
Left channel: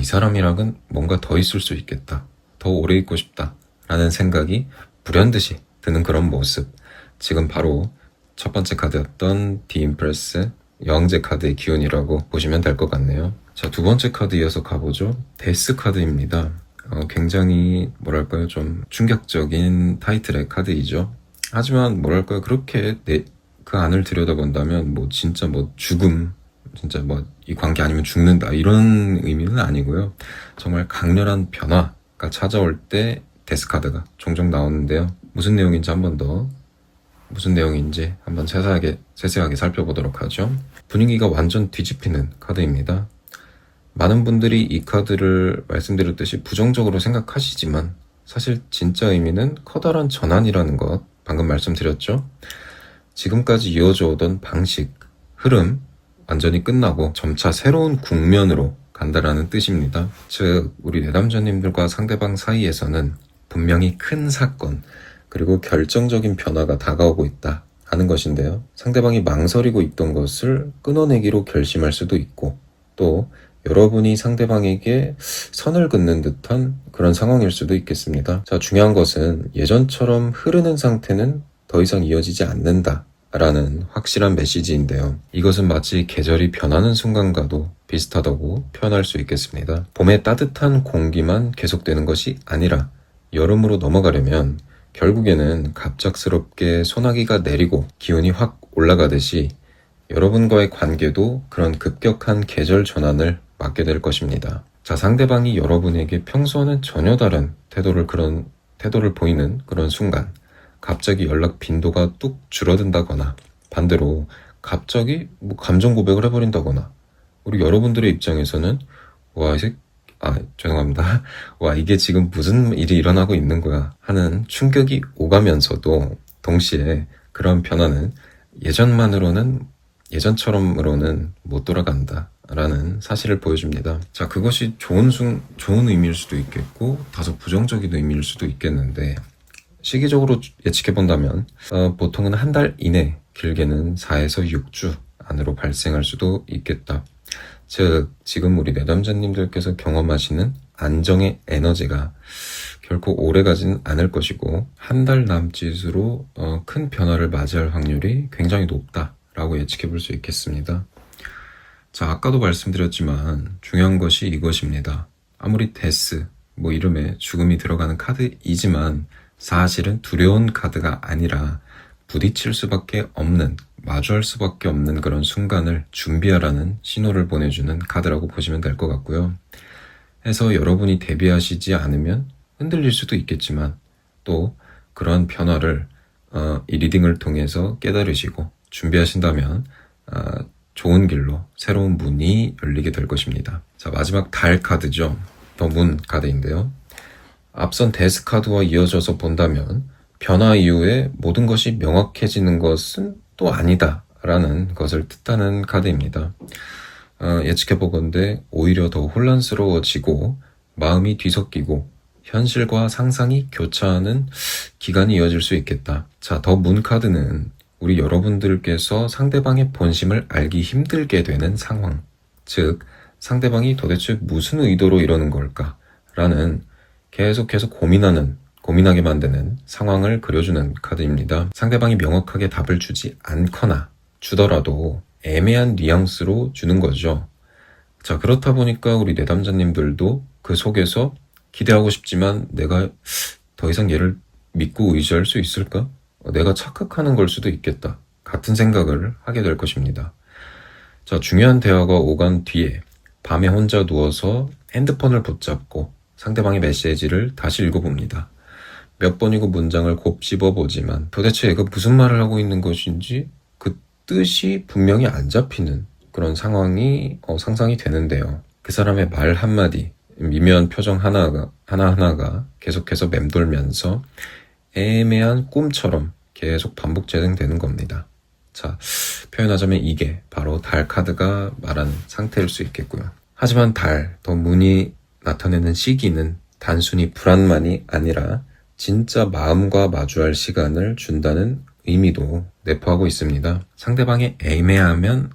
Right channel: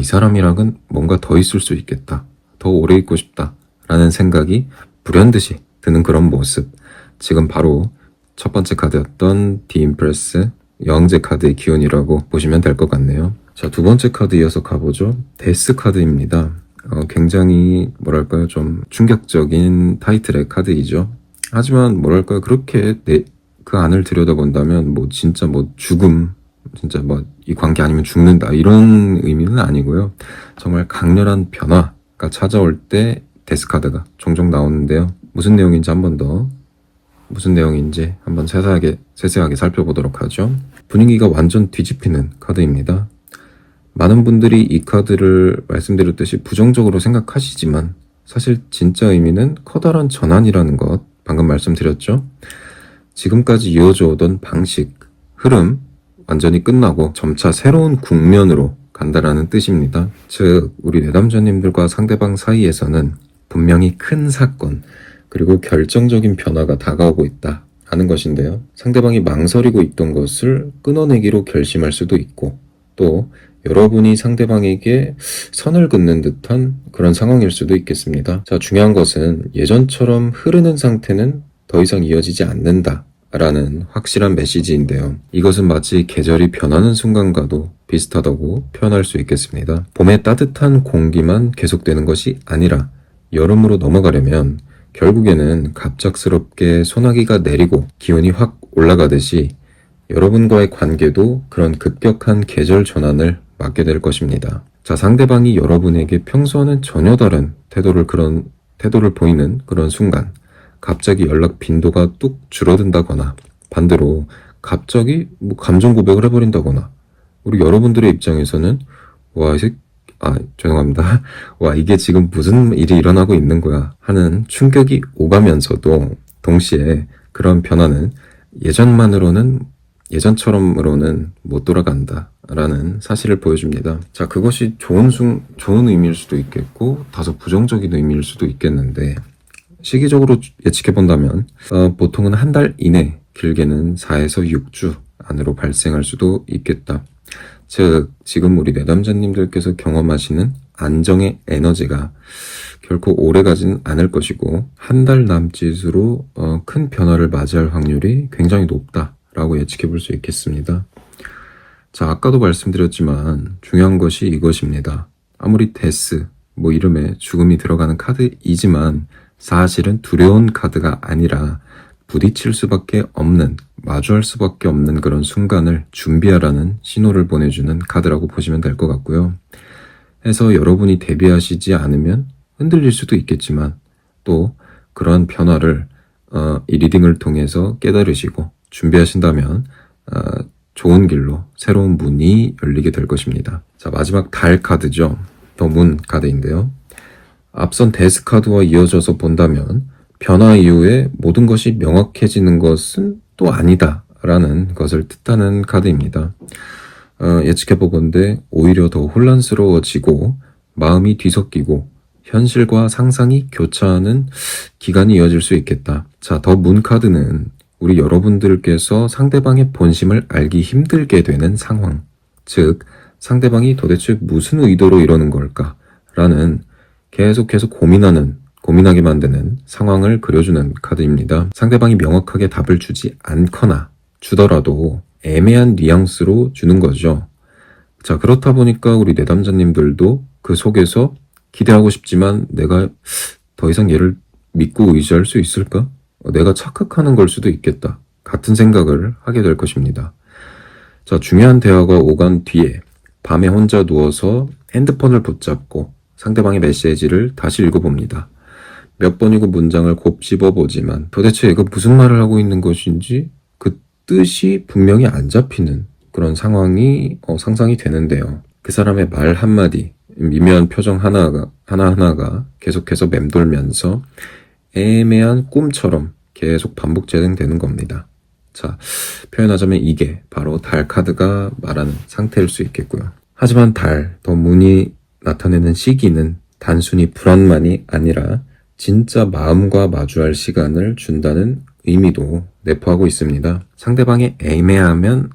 이 사람이랑은 뭔가 더 있을 수 있겠다, 더 오래 있고 싶다 라는 생각이 불현듯이 드는 그런 모습, 지금 바로 첫 번째 카드였던 디 임프레스 여왕제 카드의 기운이라고 보시면 될 것 같네요. 자, 두 번째 카드 이어서 가보죠. 데스 카드입니다. 굉장히 뭐랄까요, 좀 충격적인 타이틀의 카드이죠. 하지만 뭐랄까요, 그렇게 그 안을 들여다본다면 뭐 진짜 뭐 죽음, 진짜 뭐 이 관계 아니면 죽는다, 이런 의미는 아니고요. 정말 강렬한 변화가 찾아올 때 데스 카드가 종종 나오는데요. 무슨 내용인지 한번 세세하게 살펴보도록 하죠. 분위기가 완전 뒤집히는 카드입니다. 많은 분들이 이 카드를 말씀드렸듯이 부정적으로 생각하시지만 사실 진짜 의미는 커다란 전환이라는 것, 방금 말씀드렸죠. 지금까지 이어져 오던 방식, 흐름 완전히 끝나고 점차 새로운 국면으로 간다라는 뜻입니다. 즉, 우리 내담자님들과 상대방 사이에서는 분명히 큰 사건, 그리고 결정적인 변화가 다가오고 있다 하는 것인데요. 상대방이 망설이고 있던 것을 끊어내기로 결심할 수도 있고, 또 여러분이 상대방에게 선을 긋는 듯한 그런 상황일 수도 있겠습니다. 자, 중요한 것은 예전처럼 흐르는 상태는 더 이상 이어지지 않는다 라는 확실한 메시지인데요. 이것은 마치 계절이 변하는 순간과도 비슷하다고 표현할 수 있겠습니다. 봄의 따뜻한 공기만 계속되는 것이 아니라 여름으로 넘어가려면 결국에는 갑작스럽게 소나기가 내리고 기온이 확 올라가듯이 여러분과의 관계도 그런 급격한 계절 전환을 맞게 될 것입니다. 자, 상대방이 여러분에게 평소와는 전혀 다른 태도를 보이는 그런 순간, 갑자기 연락 빈도가 뚝 줄어든다거나, 반대로 갑자기 감정 고백을 해버린다거나, 우리 여러분들의 입장에서는 이게 지금 무슨 일이 일어나고 있는 거야 하는 충격이 오가면서도 동시에 그런 변화는 예전처럼으로는 못 돌아간다 라는 사실을 보여줍니다. 자, 그것이 좋은 의미일 수도 있겠고 다소 부정적인 의미일 수도 있겠는데, 시기적으로 예측해본다면 보통은 한 달 이내, 길게는 4에서 6주 안으로 발생할 수도 있겠다. 즉, 지금 우리 내담자님들께서 경험하시는 안정의 에너지가 결코 오래 가지는 않을 것이고 한 달 남짓으로 큰 변화를 맞이할 확률이 굉장히 높다라고 예측해 볼 수 있겠습니다. 자, 아까도 말씀드렸지만 중요한 것이 이것입니다. 아무리 데스, 이름에 죽음이 들어가는 카드이지만 사실은 두려운 카드가 아니라 부딪힐 수밖에 없는, 마주할 수밖에 없는 그런 순간을 준비하라는 신호를 보내주는 카드라고 보시면 될 것 같고요. 해서 여러분이 대비하시지 않으면 흔들릴 수도 있겠지만 또 그런 변화를 이 리딩을 통해서 깨달으시고 준비하신다면 좋은 길로 새로운 문이 열리게 될 것입니다. 자, 마지막 달 카드죠. 더 문 카드인데요. 앞선 데스 카드와 이어져서 본다면 변화 이후에 모든 것이 명확해지는 것은 또 아니다 라는 것을 뜻하는 카드입니다. 예측해보건대 오히려 더 혼란스러워지고 마음이 뒤섞이고 현실과 상상이 교차하는 기간이 이어질 수 있겠다. 자, 더 문 카드는 우리 여러분들께서 상대방의 본심을 알기 힘들게 되는 상황, 즉 상대방이 도대체 무슨 의도로 이러는 걸까? 라는 계속해서 고민하게 만드는 상황을 그려주는 카드입니다. 상대방이 명확하게 답을 주지 않거나 주더라도 애매한 뉘앙스로 주는 거죠. 자, 그렇다 보니까 우리 내담자님들도 그 속에서 기대하고 싶지만 내가 더 이상 얘를 믿고 의지할 수 있을까? 내가 착각하는 걸 수도 있겠다. 같은 생각을 하게 될 것입니다. 자, 중요한 대화가 오간 뒤에 밤에 혼자 누워서 핸드폰을 붙잡고 상대방의 메시지를 다시 읽어봅니다. 몇 번이고 문장을 곱씹어보지만 도대체 얘가 무슨 말을 하고 있는 것인지 그 뜻이 분명히 안 잡히는 그런 상황이 상상이 되는데요. 그 사람의 말 한마디, 미묘한 표정 하나하나가 계속해서 맴돌면서 애매한 꿈처럼 계속 반복 재생되는 겁니다. 자, 표현하자면 이게 바로 달 카드가 말하는 상태일 수 있겠고요. 하지만 더 문이 나타내는 시기는 단순히 불안만이 아니라 진짜 마음과 마주할 시간을 준다는 의미도 내포하고 있습니다. 상대방이 애매하면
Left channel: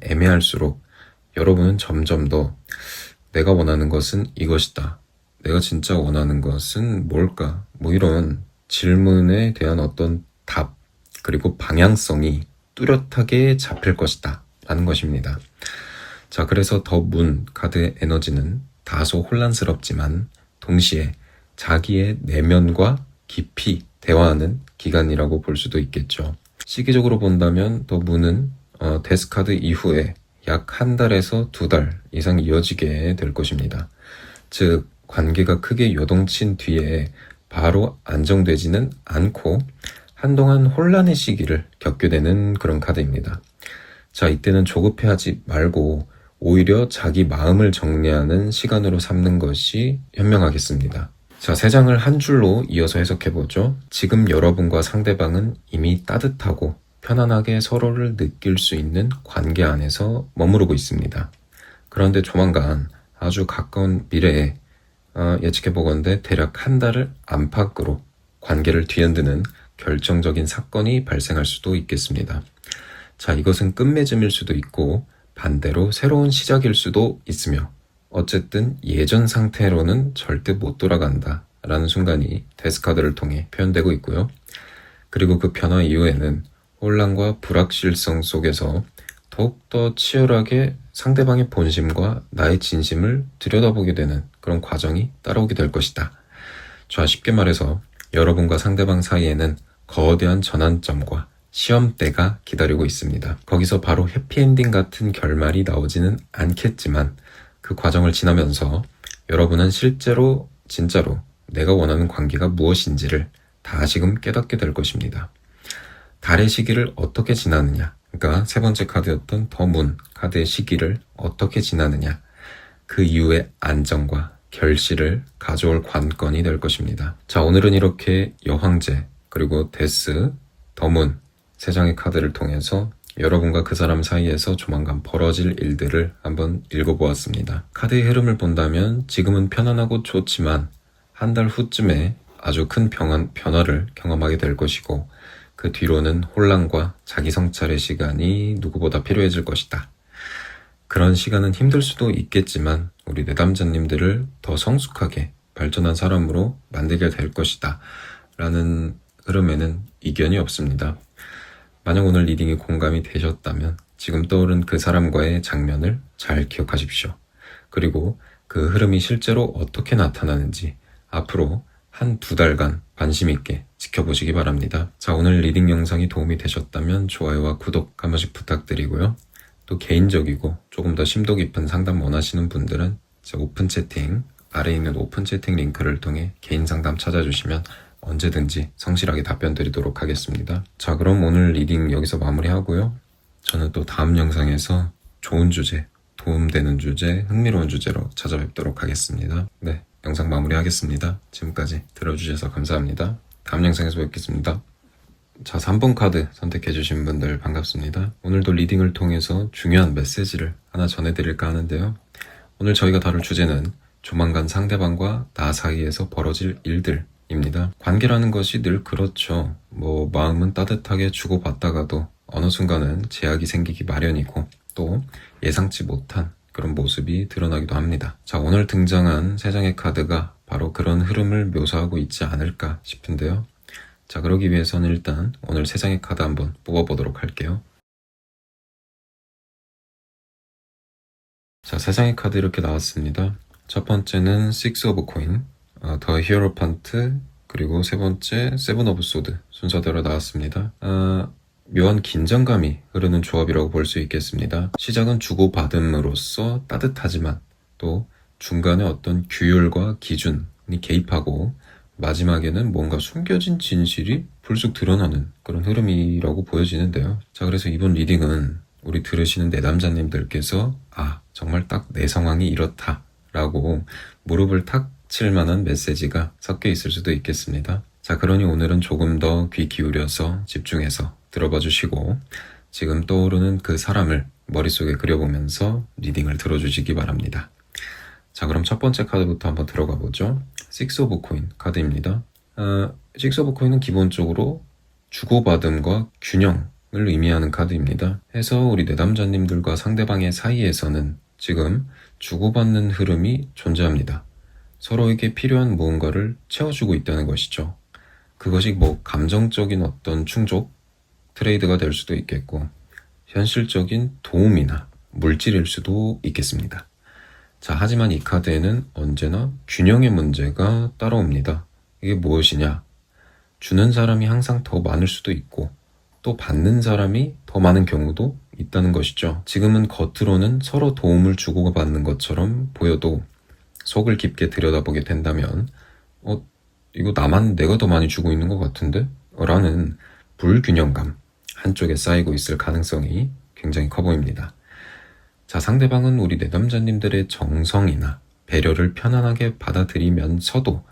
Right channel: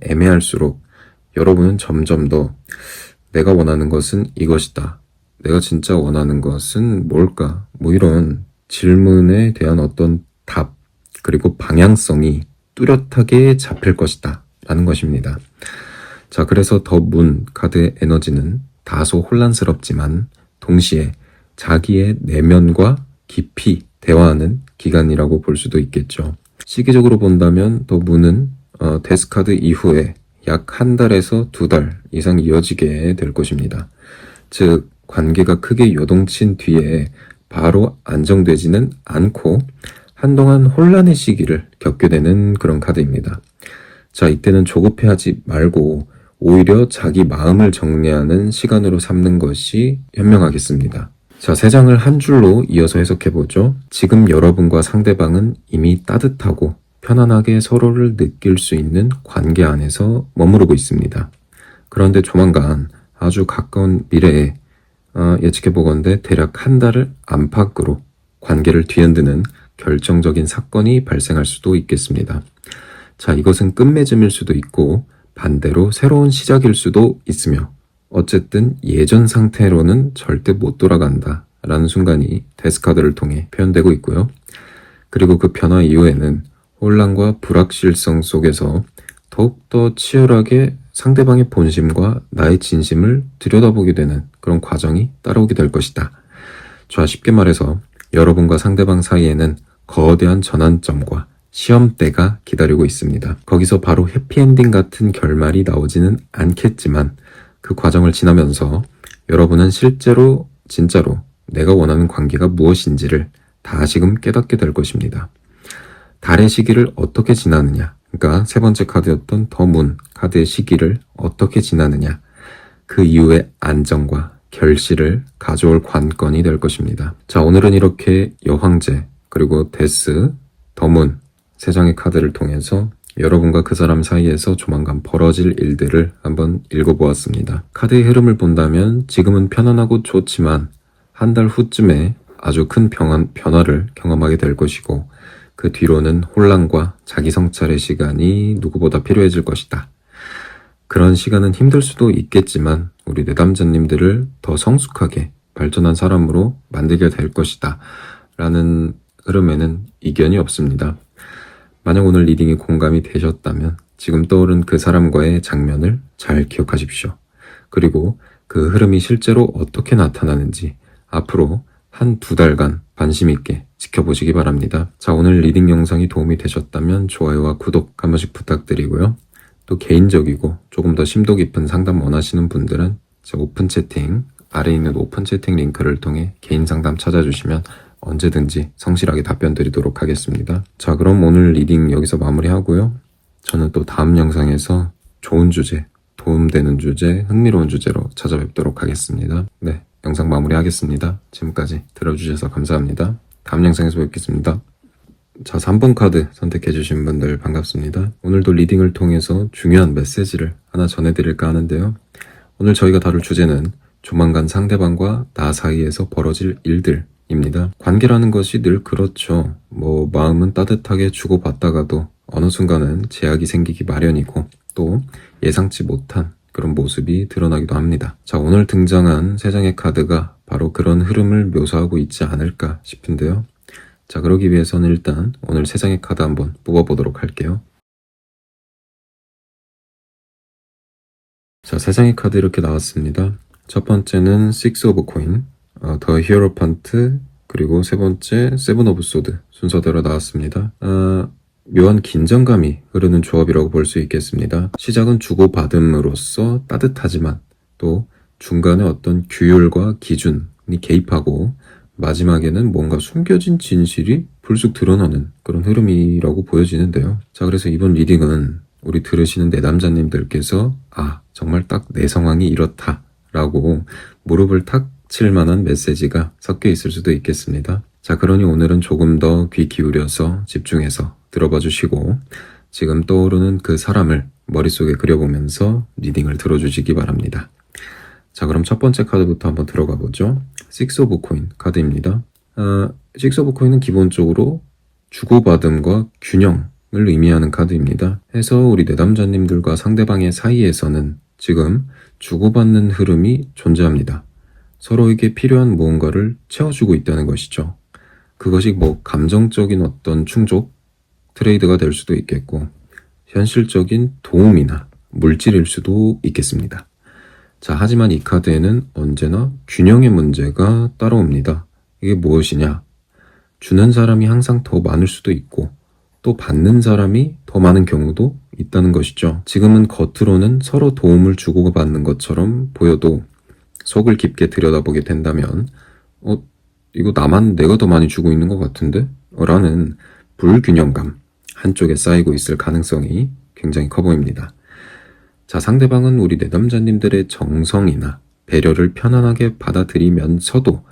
애매할수록 여러분은 점점 더 내가 원하는 것은 이것이다. 내가 진짜 원하는 것은 뭘까? 이런 질문에 대한 어떤 답, 그리고 방향성이 뚜렷하게 잡힐 것이다. 라는 것입니다. 자, 그래서 더 문 카드의 에너지는 다소 혼란스럽지만 동시에 자기의 내면과 깊이 대화하는 기간이라고 볼 수도 있겠죠. 시기적으로 본다면 더 문은 데스 카드 이후에 약 한 달에서 2달 이상 이어지게 될 것입니다. 즉, 관계가 크게 요동친 뒤에 바로 안정되지는 않고 한동안 혼란의 시기를 겪게 되는 그런 카드입니다. 자, 이때는 조급해하지 말고 오히려 자기 마음을 정리하는 시간으로 삼는 것이 현명하겠습니다. 자, 3장을 한 줄로 이어서 해석해보죠. 지금 여러분과 상대방은 이미 따뜻하고 편안하게 서로를 느낄 수 있는 관계 안에서 머무르고 있습니다. 그런데 조만간 아주 가까운 미래에 예측해보건대 대략 한 달을 안팎으로 관계를 뒤흔드는 결정적인 사건이 발생할 수도 있겠습니다. 자, 이것은 끝맺음일 수도 있고 반대로 새로운 시작일 수도 있으며 어쨌든 예전 상태로는 절대 못 돌아간다 라는 순간이 데스카드를 통해 표현되고 있고요. 그리고 그 변화 이후에는 혼란과 불확실성 속에서 더욱더 치열하게 상대방의 본심과 나의 진심을 들여다보게 되는 그런 과정이 따라오게 될 것이다. 자, 쉽게 말해서 여러분과 상대방 사이에는 거대한 전환점과 시험대가 기다리고 있습니다. 거기서 바로 해피엔딩 같은 결말이 나오지는 않겠지만 그 과정을 지나면서 여러분은 실제로 진짜로 내가 원하는 관계가 무엇인지를 다시금 깨닫게 될 것입니다. 달의 시기를 어떻게 지나느냐, 그러니까 3번째 카드였던 더 문 카드의 시기를 어떻게 지나느냐, 그 이후의 안정과 결실을 가져올 관건이 될 것입니다. 자, 오늘은 이렇게 여황제 그리고 데스, 더 문 3장의 카드를 통해서 여러분과 그 사람 사이에서 조만간 벌어질 일들을 한번 읽어보았습니다. 카드의 흐름을 본다면 지금은 편안하고 좋지만 한 달 후쯤에 아주 큰 변화를 경험하게 될 것이고 그 뒤로는 혼란과 자기 성찰의 시간이 누구보다 필요해질 것이다. 그런 시간은 힘들 수도 있겠지만 우리 내담자님들을 더 성숙하게 발전한 사람으로 만들게 될 것이다 라는 흐름에는 이견이 없습니다. 만약 오늘 리딩에 공감이 되셨다면 지금 떠오른 그 사람과의 장면을 잘 기억하십시오. 그리고 그 흐름이 실제로 어떻게 나타나는지 앞으로 한 2달간 관심 있게 지켜보시기 바랍니다. 자, 오늘 리딩 영상이 도움이 되셨다면 좋아요와 구독 한 번씩 부탁드리고요. 또 개인적이고 조금 더 심도 깊은 상담 원하시는 분들은 제 오픈 채팅, 아래에 있는 오픈 채팅 링크를 통해 개인 상담 찾아주시면 언제든지 성실하게 답변 드리도록 하겠습니다. 자, 그럼 오늘 리딩 여기서 마무리하고요. 저는 또 다음 영상에서 좋은 주제, 도움되는 주제, 흥미로운 주제로 찾아뵙도록 하겠습니다. 네, 영상 마무리하겠습니다. 지금까지 들어주셔서 감사합니다. 다음 영상에서 뵙겠습니다. 자, 3번 카드 선택해주신 분들 반갑습니다. 오늘도 리딩을 통해서 중요한 메시지를 하나 전해드릴까 하는데요. 오늘 저희가 다룰 주제는 조만간 상대방과 나 사이에서 벌어질 일들입니다. 관계라는 것이 늘 그렇죠. 마음은 따뜻하게 주고받다가도 어느 순간은 제약이 생기기 마련이고 또 예상치 못한 그런 모습이 드러나기도 합니다. 자, 오늘 등장한 3장의 카드가 바로 그런 흐름을 묘사하고 있지 않을까 싶은데요. 자, 그러기 위해서는 일단 오늘 3장의 카드 한번 뽑아보도록 할게요. 자, 3장의 카드 이렇게 나왔습니다. 첫 번째는 Six of Coin, The Hierophant, 그리고 세 번째 Seven of Swords 순서대로 나왔습니다. 묘한 긴장감이 흐르는 조합이라고 볼 수 있겠습니다. 시작은 주고받음으로써 따뜻하지만 또 중간에 어떤 규율과 기준이 개입하고 마지막에는 뭔가 숨겨진 진실이 불쑥 드러나는 그런 흐름이라고 보여지는데요. 자, 그래서 이번 리딩은 우리 들으시는 내담자님들께서 정말 딱 내 상황이 이렇다 라고 무릎을 탁 칠 만한 메시지가 섞여 있을 수도 있겠습니다. 자, 그러니 오늘은 조금 더 귀 기울여서 집중해서 들어봐 주시고 지금 떠오르는 그 사람을 머릿속에 그려보면서 리딩을 들어주시기 바랍니다. 자, 그럼 첫 번째 카드부터 한번 들어가 보죠. Six of Coin 카드입니다. Six of Coin은 기본적으로 주고받음과 균형을 의미하는 카드입니다. 해서 우리 내담자님들과 상대방의 사이에서는 지금 주고받는 흐름이 존재합니다. 서로에게 필요한 무언가를 채워주고 있다는 것이죠. 그것이 감정적인 어떤 충족, 트레이드가 될 수도 있겠고 현실적인 도움이나 물질일 수도 있겠습니다. 자, 하지만 이 카드에는 언제나 균형의 문제가 따라옵니다. 이게 무엇이냐? 주는 사람이 항상 더 많을 수도 있고 또 받는 사람이 더 많은 경우도 있다는 것이죠. 지금은 겉으로는 서로 도움을 주고받는 것처럼 보여도 속을 깊게 들여다보게 된다면 이거 내가 더 많이 주고 있는 것 같은데? 라는 불균형감 한쪽에 쌓이고 있을 가능성이 굉장히 커 보입니다. 자, 상대방은 우리 내담자님들의 정성이나 배려를 편안하게 받아들이면서도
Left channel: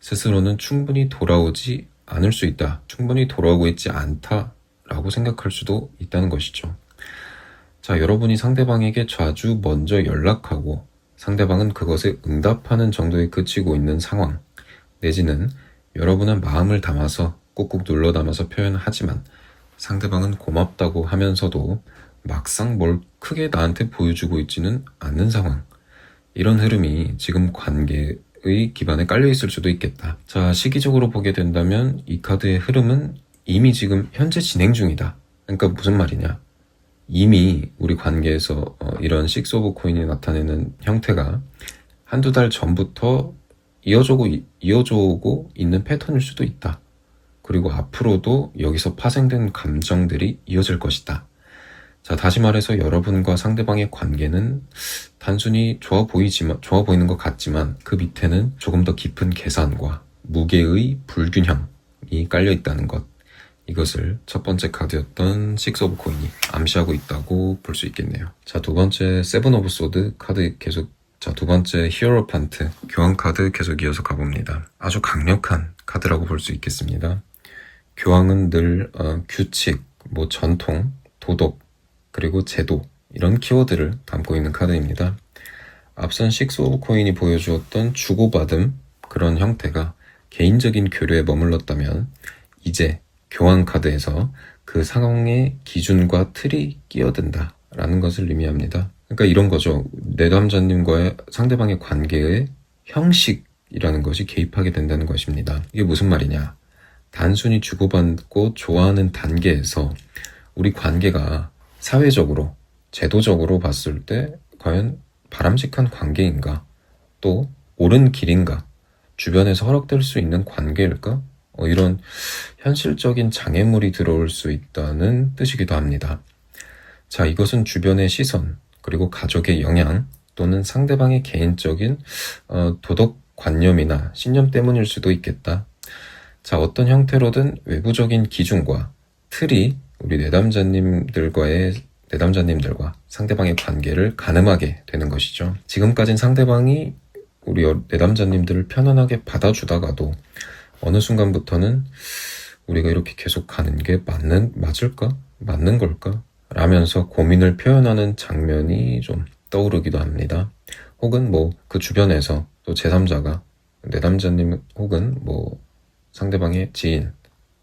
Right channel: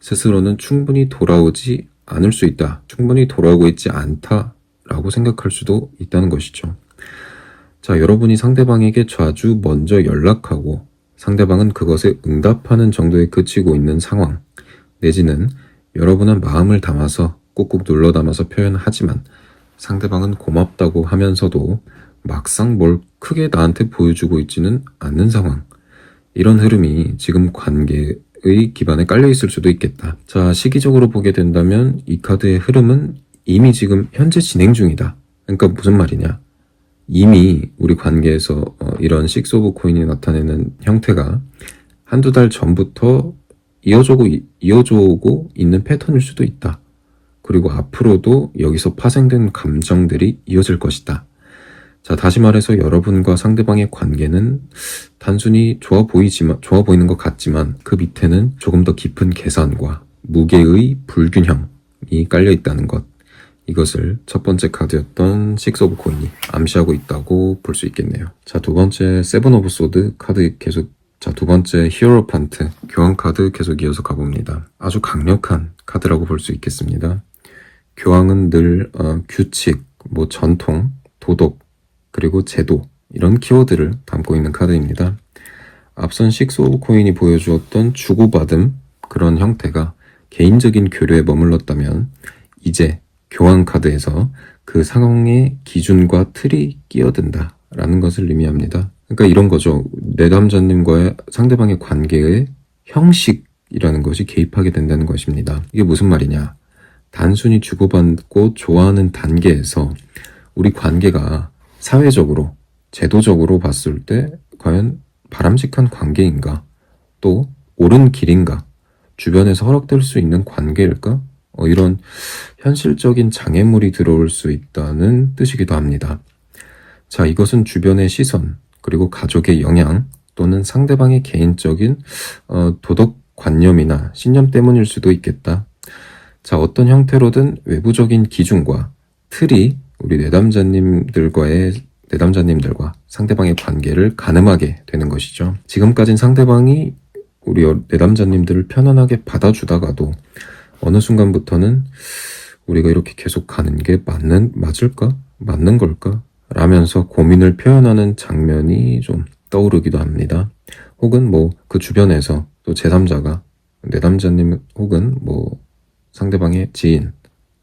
스스로는 충분히 돌아오지 않을 수 있다. 충분히 돌아오고 있지 않다라고 생각할 수도 있다는 것이죠. 자, 여러분이 상대방에게 자주 먼저 연락하고 상대방은 그것에 응답하는 정도에 그치고 있는 상황 내지는 여러분은 마음을 담아서 꾹꾹 눌러 담아서 표현하지만 상대방은 고맙다고 하면서도 막상 뭘 크게 나한테 보여주고 있지는 않는 상황, 이런 흐름이 지금 관계의 기반에 깔려 있을 수도 있겠다. 자, 시기적으로 보게 된다면 이 카드의 흐름은 이미 지금 현재 진행 중이다. 그러니까 무슨 말이냐, 이미 우리 관계에서 이런 식스 오브 코인이 나타내는 형태가 한두 달 전부터 이어져 오고 있는 패턴일 수도 있다. 그리고 앞으로도 여기서 파생된 감정들이 이어질 것이다. 자, 다시 말해서 여러분과 상대방의 관계는 단순히 좋아 보이는 것 같지만 그 밑에는 조금 더 깊은 계산과 무게의 불균형이 깔려 있다는 것. 이것을 첫 번째 카드였던 식스 오브 코인이 암시하고 있다고 볼 수 있겠네요. 자, 두 번째 세븐 오브 소드 카드 계속, 두 번째 히어로판트 교황 카드 계속 이어서 가봅니다. 아주 강력한 카드라고 볼 수 있겠습니다. 교황은 늘 규칙, 전통, 도덕, 그리고 제도, 이런 키워드를 담고 있는 카드입니다. 앞선 식스 오브 코인이 보여주었던 주고받음, 그런 형태가 개인적인 교류에 머물렀다면 이제 교황 카드에서 그 상황의 기준과 틀이 끼어든다 라는 것을 의미합니다. 그러니까 이런 거죠. 내담자님과의 상대방의 관계의 형식이 이라는 것이 개입하게 된다는 것입니다. 이게 무슨 말이냐? 단순히 주고받고 좋아하는 단계에서 우리 관계가 사회적으로, 제도적으로 봤을 때 과연 바람직한 관계인가? 또 옳은 길인가? 주변에서 허락될 수 있는 관계일까? 이런 현실적인 장애물이 들어올 수 있다는 뜻이기도 합니다. 자, 이것은 주변의 시선, 그리고 가족의 영향, 또는 상대방의 개인적인 도덕관념이나 신념 때문일 수도 있겠다. 자, 어떤 형태로든 외부적인 기준과 틀이 우리 내담자님들과 상대방의 관계를 가늠하게 되는 것이죠. 지금까진 상대방이 우리 내담자님들을 편안하게 받아주다가도 어느 순간부터는 우리가 이렇게 계속 가는 게 맞을까? 맞는 걸까? 라면서 고민을 표현하는 장면이 좀 떠오르기도 합니다. 혹은 그 주변에서 또 제3자가 내담자님 혹은 상대방의 지인,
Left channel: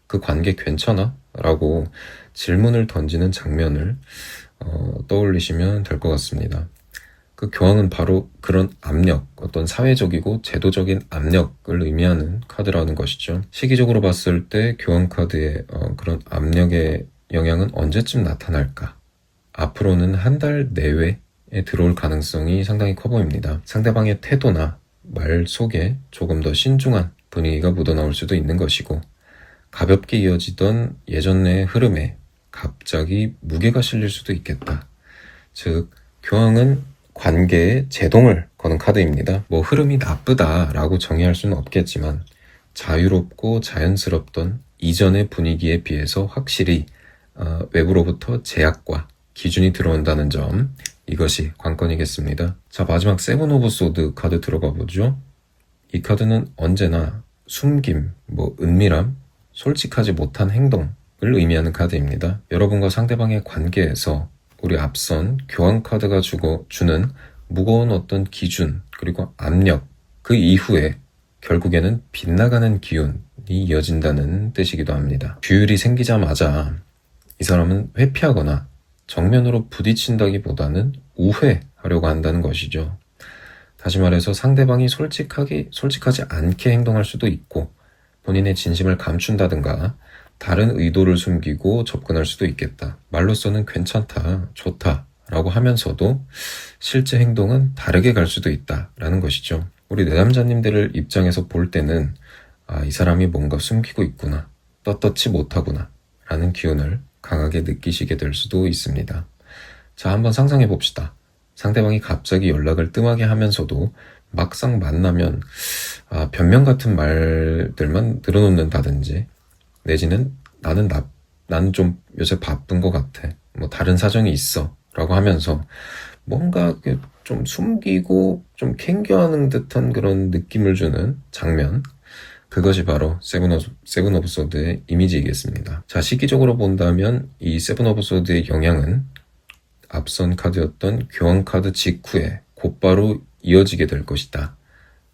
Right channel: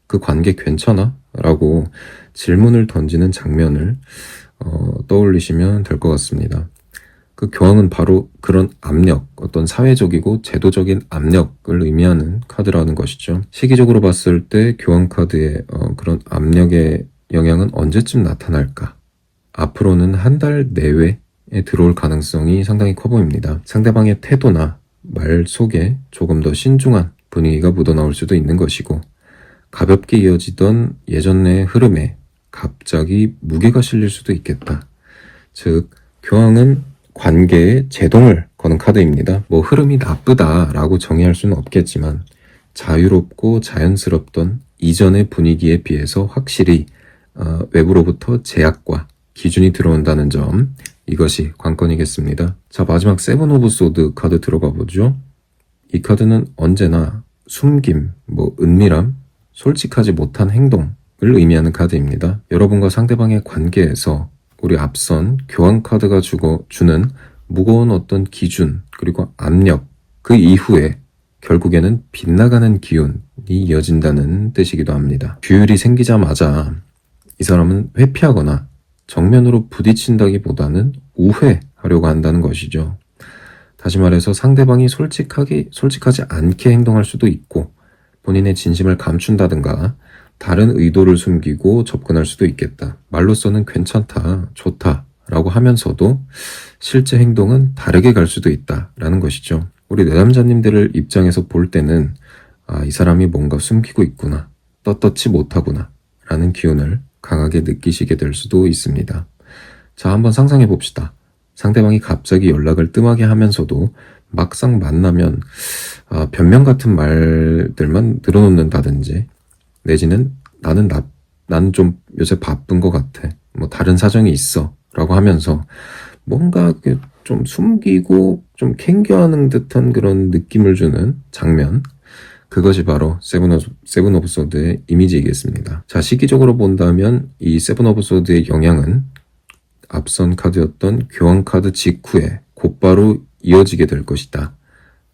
그 관계 괜찮아? 라고 질문을 던지는 장면을 떠올리시면 될 것 같습니다. 그 교황은 바로 그런 압력, 어떤 사회적이고 제도적인 압력을 의미하는 카드라는 것이죠. 시기적으로 봤을 때 교황 카드의 그런 압력의 영향은 언제쯤 나타날까? 앞으로는 한 달 내외에 들어올 가능성이 상당히 커 보입니다. 상대방의 태도나 말 속에 조금 더 신중한 분위기가 묻어나올 수도 있는 것이고, 가볍게 이어지던 예전의 흐름에 갑자기 무게가 실릴 수도 있겠다. 즉, 교황은 관계에 제동을 거는 카드입니다. 흐름이 나쁘다라고 정의할 수는 없겠지만 자유롭고 자연스럽던 이전의 분위기에 비해서 확실히 외부로부터 제약과 기준이 들어온다는 점, 이것이 관건이겠습니다. 자, 마지막 세븐 오브 소드 카드 들어가 보죠. 이 카드는 언제나 숨김, 은밀함, 솔직하지 못한 행동을 의미하는 카드입니다. 여러분과 상대방의 관계에서 우리 앞선 교황 카드가 주는 무거운 어떤 기준, 그리고 압력, 그 이후에 결국에는 빗나가는 기운이 이어진다는 뜻이기도 합니다. 규율이 생기자마자 이 사람은 회피하거나 정면으로 부딪힌다기보다는 우회하려고 한다는 것이죠. 다시 말해서 상대방이 솔직하지 않게 행동할 수도 있고, 본인의 진심을 감춘다든가 다른 의도를 숨기고 접근할 수도 있겠다. 말로서는 괜찮다, 좋다 라고 하면서도 실제 행동은 다르게 갈 수도 있다라는 것이죠. 우리 내담자님들을 입장에서 볼 때는 이 사람이 뭔가 숨기고 있구나, 떳떳지 못하구나 라는 기운을 강하게 느끼시게 될 수도 있습니다. 자, 한번 상상해 봅시다. 상대방이 갑자기 연락을 뜸하게 하면서도 막상 만나면 변명 같은 말들만 늘어놓는다든지, 내지는 나는 좀 요새 바쁜 것 같아, 다른 사정이 있어 라고 하면서 뭔가 좀 숨기고 좀 캥겨하는 듯한 그런 느낌을 주는 장면, 그것이 바로 세븐 오브 소드의 이미지이겠습니다. 자, 시기적으로 본다면 이 세븐 오브 소드의 영향은 앞선 카드였던 교황 카드 직후에 곧바로 이어지게 될 것이다.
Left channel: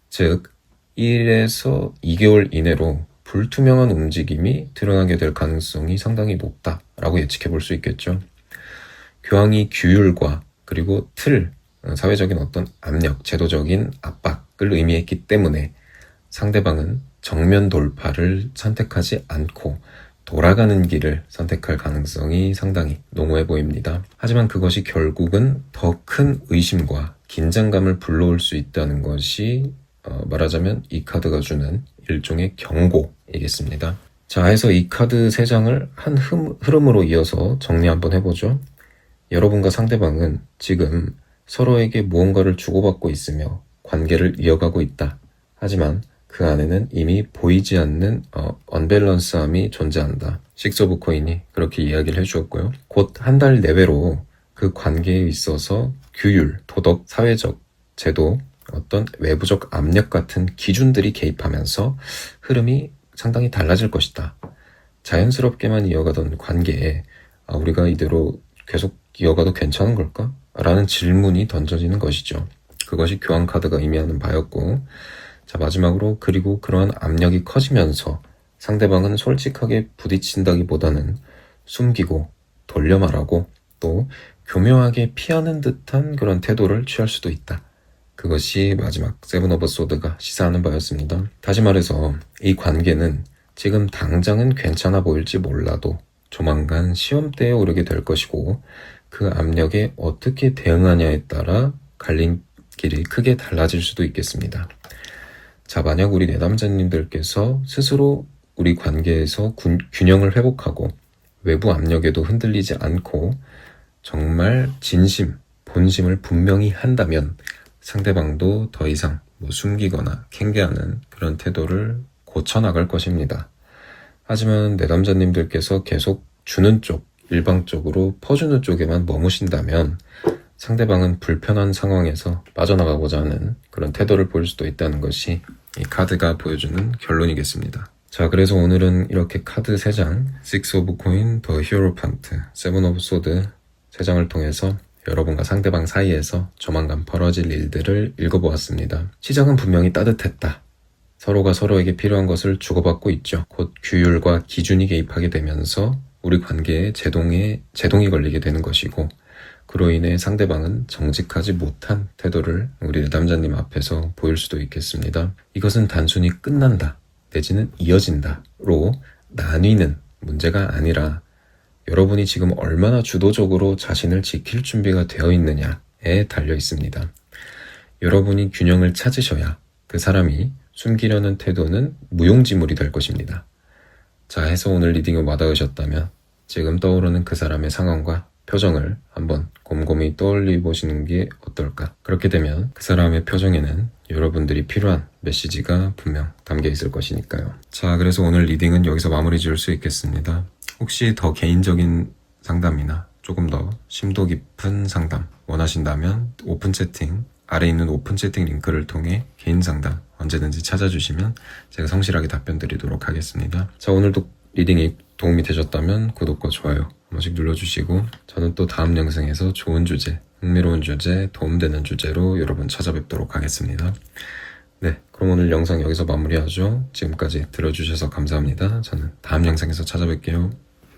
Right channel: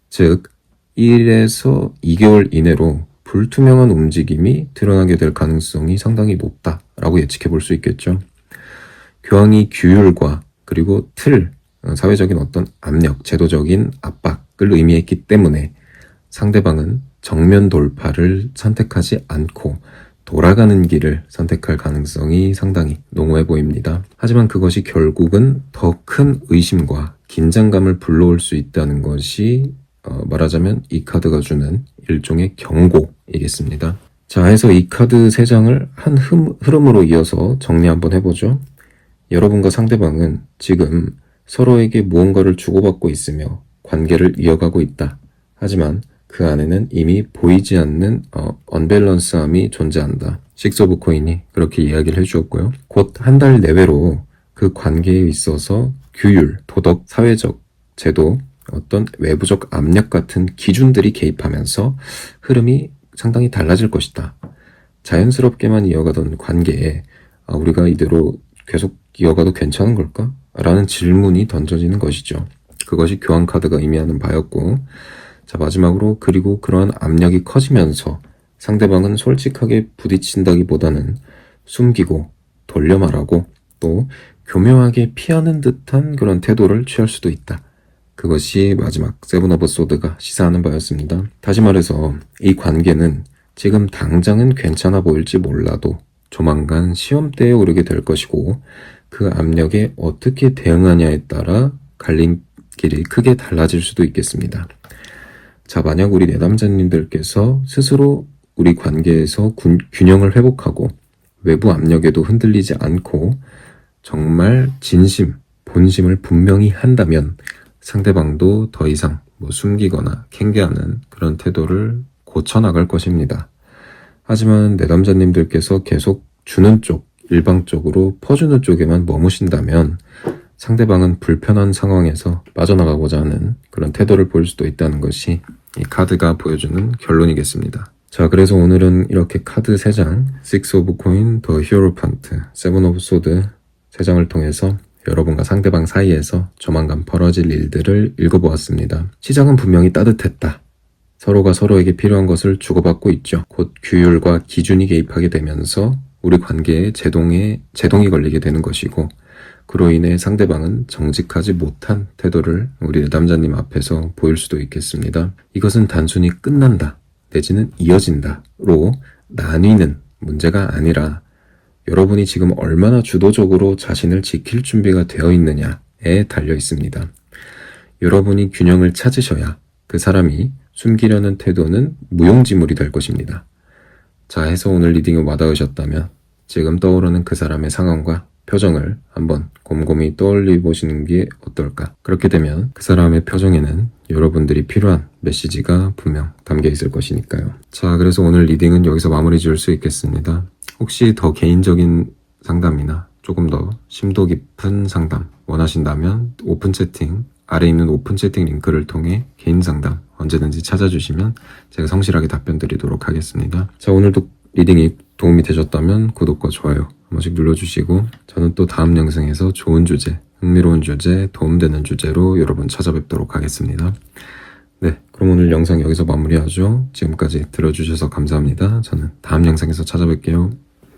즉, 1에서 2개월 이내로 불투명한 움직임이 드러나게 될 가능성이 상당히 높다라고 예측해 볼 수 있겠죠. 교황이 규율과 그리고 틀, 사회적인 어떤 압력, 제도적인 압박을 의미했기 때문에 상대방은 정면 돌파를 선택하지 않고 돌아가는 길을 선택할 가능성이 상당히 농후해 보입니다. 하지만 그것이 결국은 더 큰 의심과 긴장감을 불러올 수 있다는 것이 말하자면 이 카드가 주는 일종의 경고이겠습니다. 자, 해서 이 카드 3장을 한 흐름으로 이어서 정리 한번 해보죠. 여러분과 상대방은 지금 서로에게 무언가를 주고받고 있으며 관계를 이어가고 있다. 하지만 그 안에는 이미 보이지 않는 언밸런스함이 존재한다. 식스 오브 코인이 그렇게 이야기를 해주었고요. 곧 한 달 내외로 그 관계에 있어서 규율, 도덕, 사회적, 제도, 어떤 외부적 압력 같은 기준들이 개입하면서 흐름이 상당히 달라질 것이다. 자연스럽게만 이어가던 관계에 우리가 이대로 계속 이어가도 괜찮은 걸까? 라는 질문이 던져지는 것이죠. 그것이 교황 카드가 의미하는 바였고, 자, 마지막으로 그리고 그러한 압력이 커지면서 상대방은 솔직하게 부딪힌다기보다는 숨기고 돌려 말하고 또 교묘하게 피하는 듯한 그런 태도를 취할 수도 있다. 그것이 마지막 세븐 오브 소드가 시사하는 바였습니다. 다시 말해서 이 관계는 지금 당장은 괜찮아 보일지 몰라도 조만간 시험대에 오르게 될 것이고 그 압력에 어떻게 대응하냐에 따라 갈림길이 크게 달라질 수도 있겠습니다. 자, 만약 우리 내담자님들께서 스스로 우리 관계에서 균형을 회복하고 외부 압력에도 흔들리지 않고 정말 진심, 본심을 분명히 한다면 상대방도 더 이상 숨기거나 캥게하는 그런 태도를 고쳐나갈 것입니다. 하지만 내담자님들께서 계속 주는 쪽, 일방적으로 퍼주는 쪽에만 머무신다면 상대방은 불편한 상황에서 빠져나가고자 하는 그런 태도를 보일 수도 있다는 것이 이 카드가 보여주는 결론이겠습니다. 자, 그래서 오늘은 이렇게 카드 3장, 6 오브 코인, 더 히어로판트, 7 오브 소드 3장을 통해서 여러분과 상대방 사이에서 조만간 벌어질 일들을 읽어보았습니다. 시작은 분명히 따뜻했다. 서로가 서로에게 필요한 것을 주고받고 있죠. 곧 규율과 기준이 개입하게 되면서 우리 관계에 제동이 걸리게 되는 것이고 그로 인해 상대방은 정직하지 못한 태도를 우리 남자님 앞에서 보일 수도 있겠습니다. 이것은 단순히 끝난다 내지는 이어진다로 나뉘는 문제가 아니라 여러분이 지금 얼마나 주도적으로 자신을 지킬 준비가 되어 있느냐에 달려 있습니다. 여러분이 균형을 찾으셔야 그 사람이 숨기려는 태도는 무용지물이 될 것입니다. 자, 해서 오늘 리딩을 와닿으셨다면 지금 떠오르는 그 사람의 상황과 표정을 한번 곰곰이 떠올려 보시는 게 어떨까? 그렇게 되면 그 사람의 표정에는 여러분들이 필요한 메시지가 분명 담겨 있을 것이니까요. 자, 그래서 오늘 리딩은 여기서 마무리 지을 수 있겠습니다. 혹시 더 개인적인 상담이나 조금 더 심도 깊은 상담 원하신다면 오픈 채팅, 아래 있는 오픈 채팅 링크를 통해 개인 상담 언제든지 찾아주시면 제가 성실하게 답변 드리도록 하겠습니다. 자, 오늘도 리딩이 도움이 되셨다면 구독과 좋아요 한 번씩 눌러주시고 저는 또 다음 영상에서 좋은 주제, 흥미로운 주제, 도움되는 주제로 여러분 찾아뵙도록 하겠습니다. 네, 그럼 오늘 영상 여기서 마무리하죠. 지금까지 들어주셔서 감사합니다. 저는 다음 영상에서 찾아뵐게요.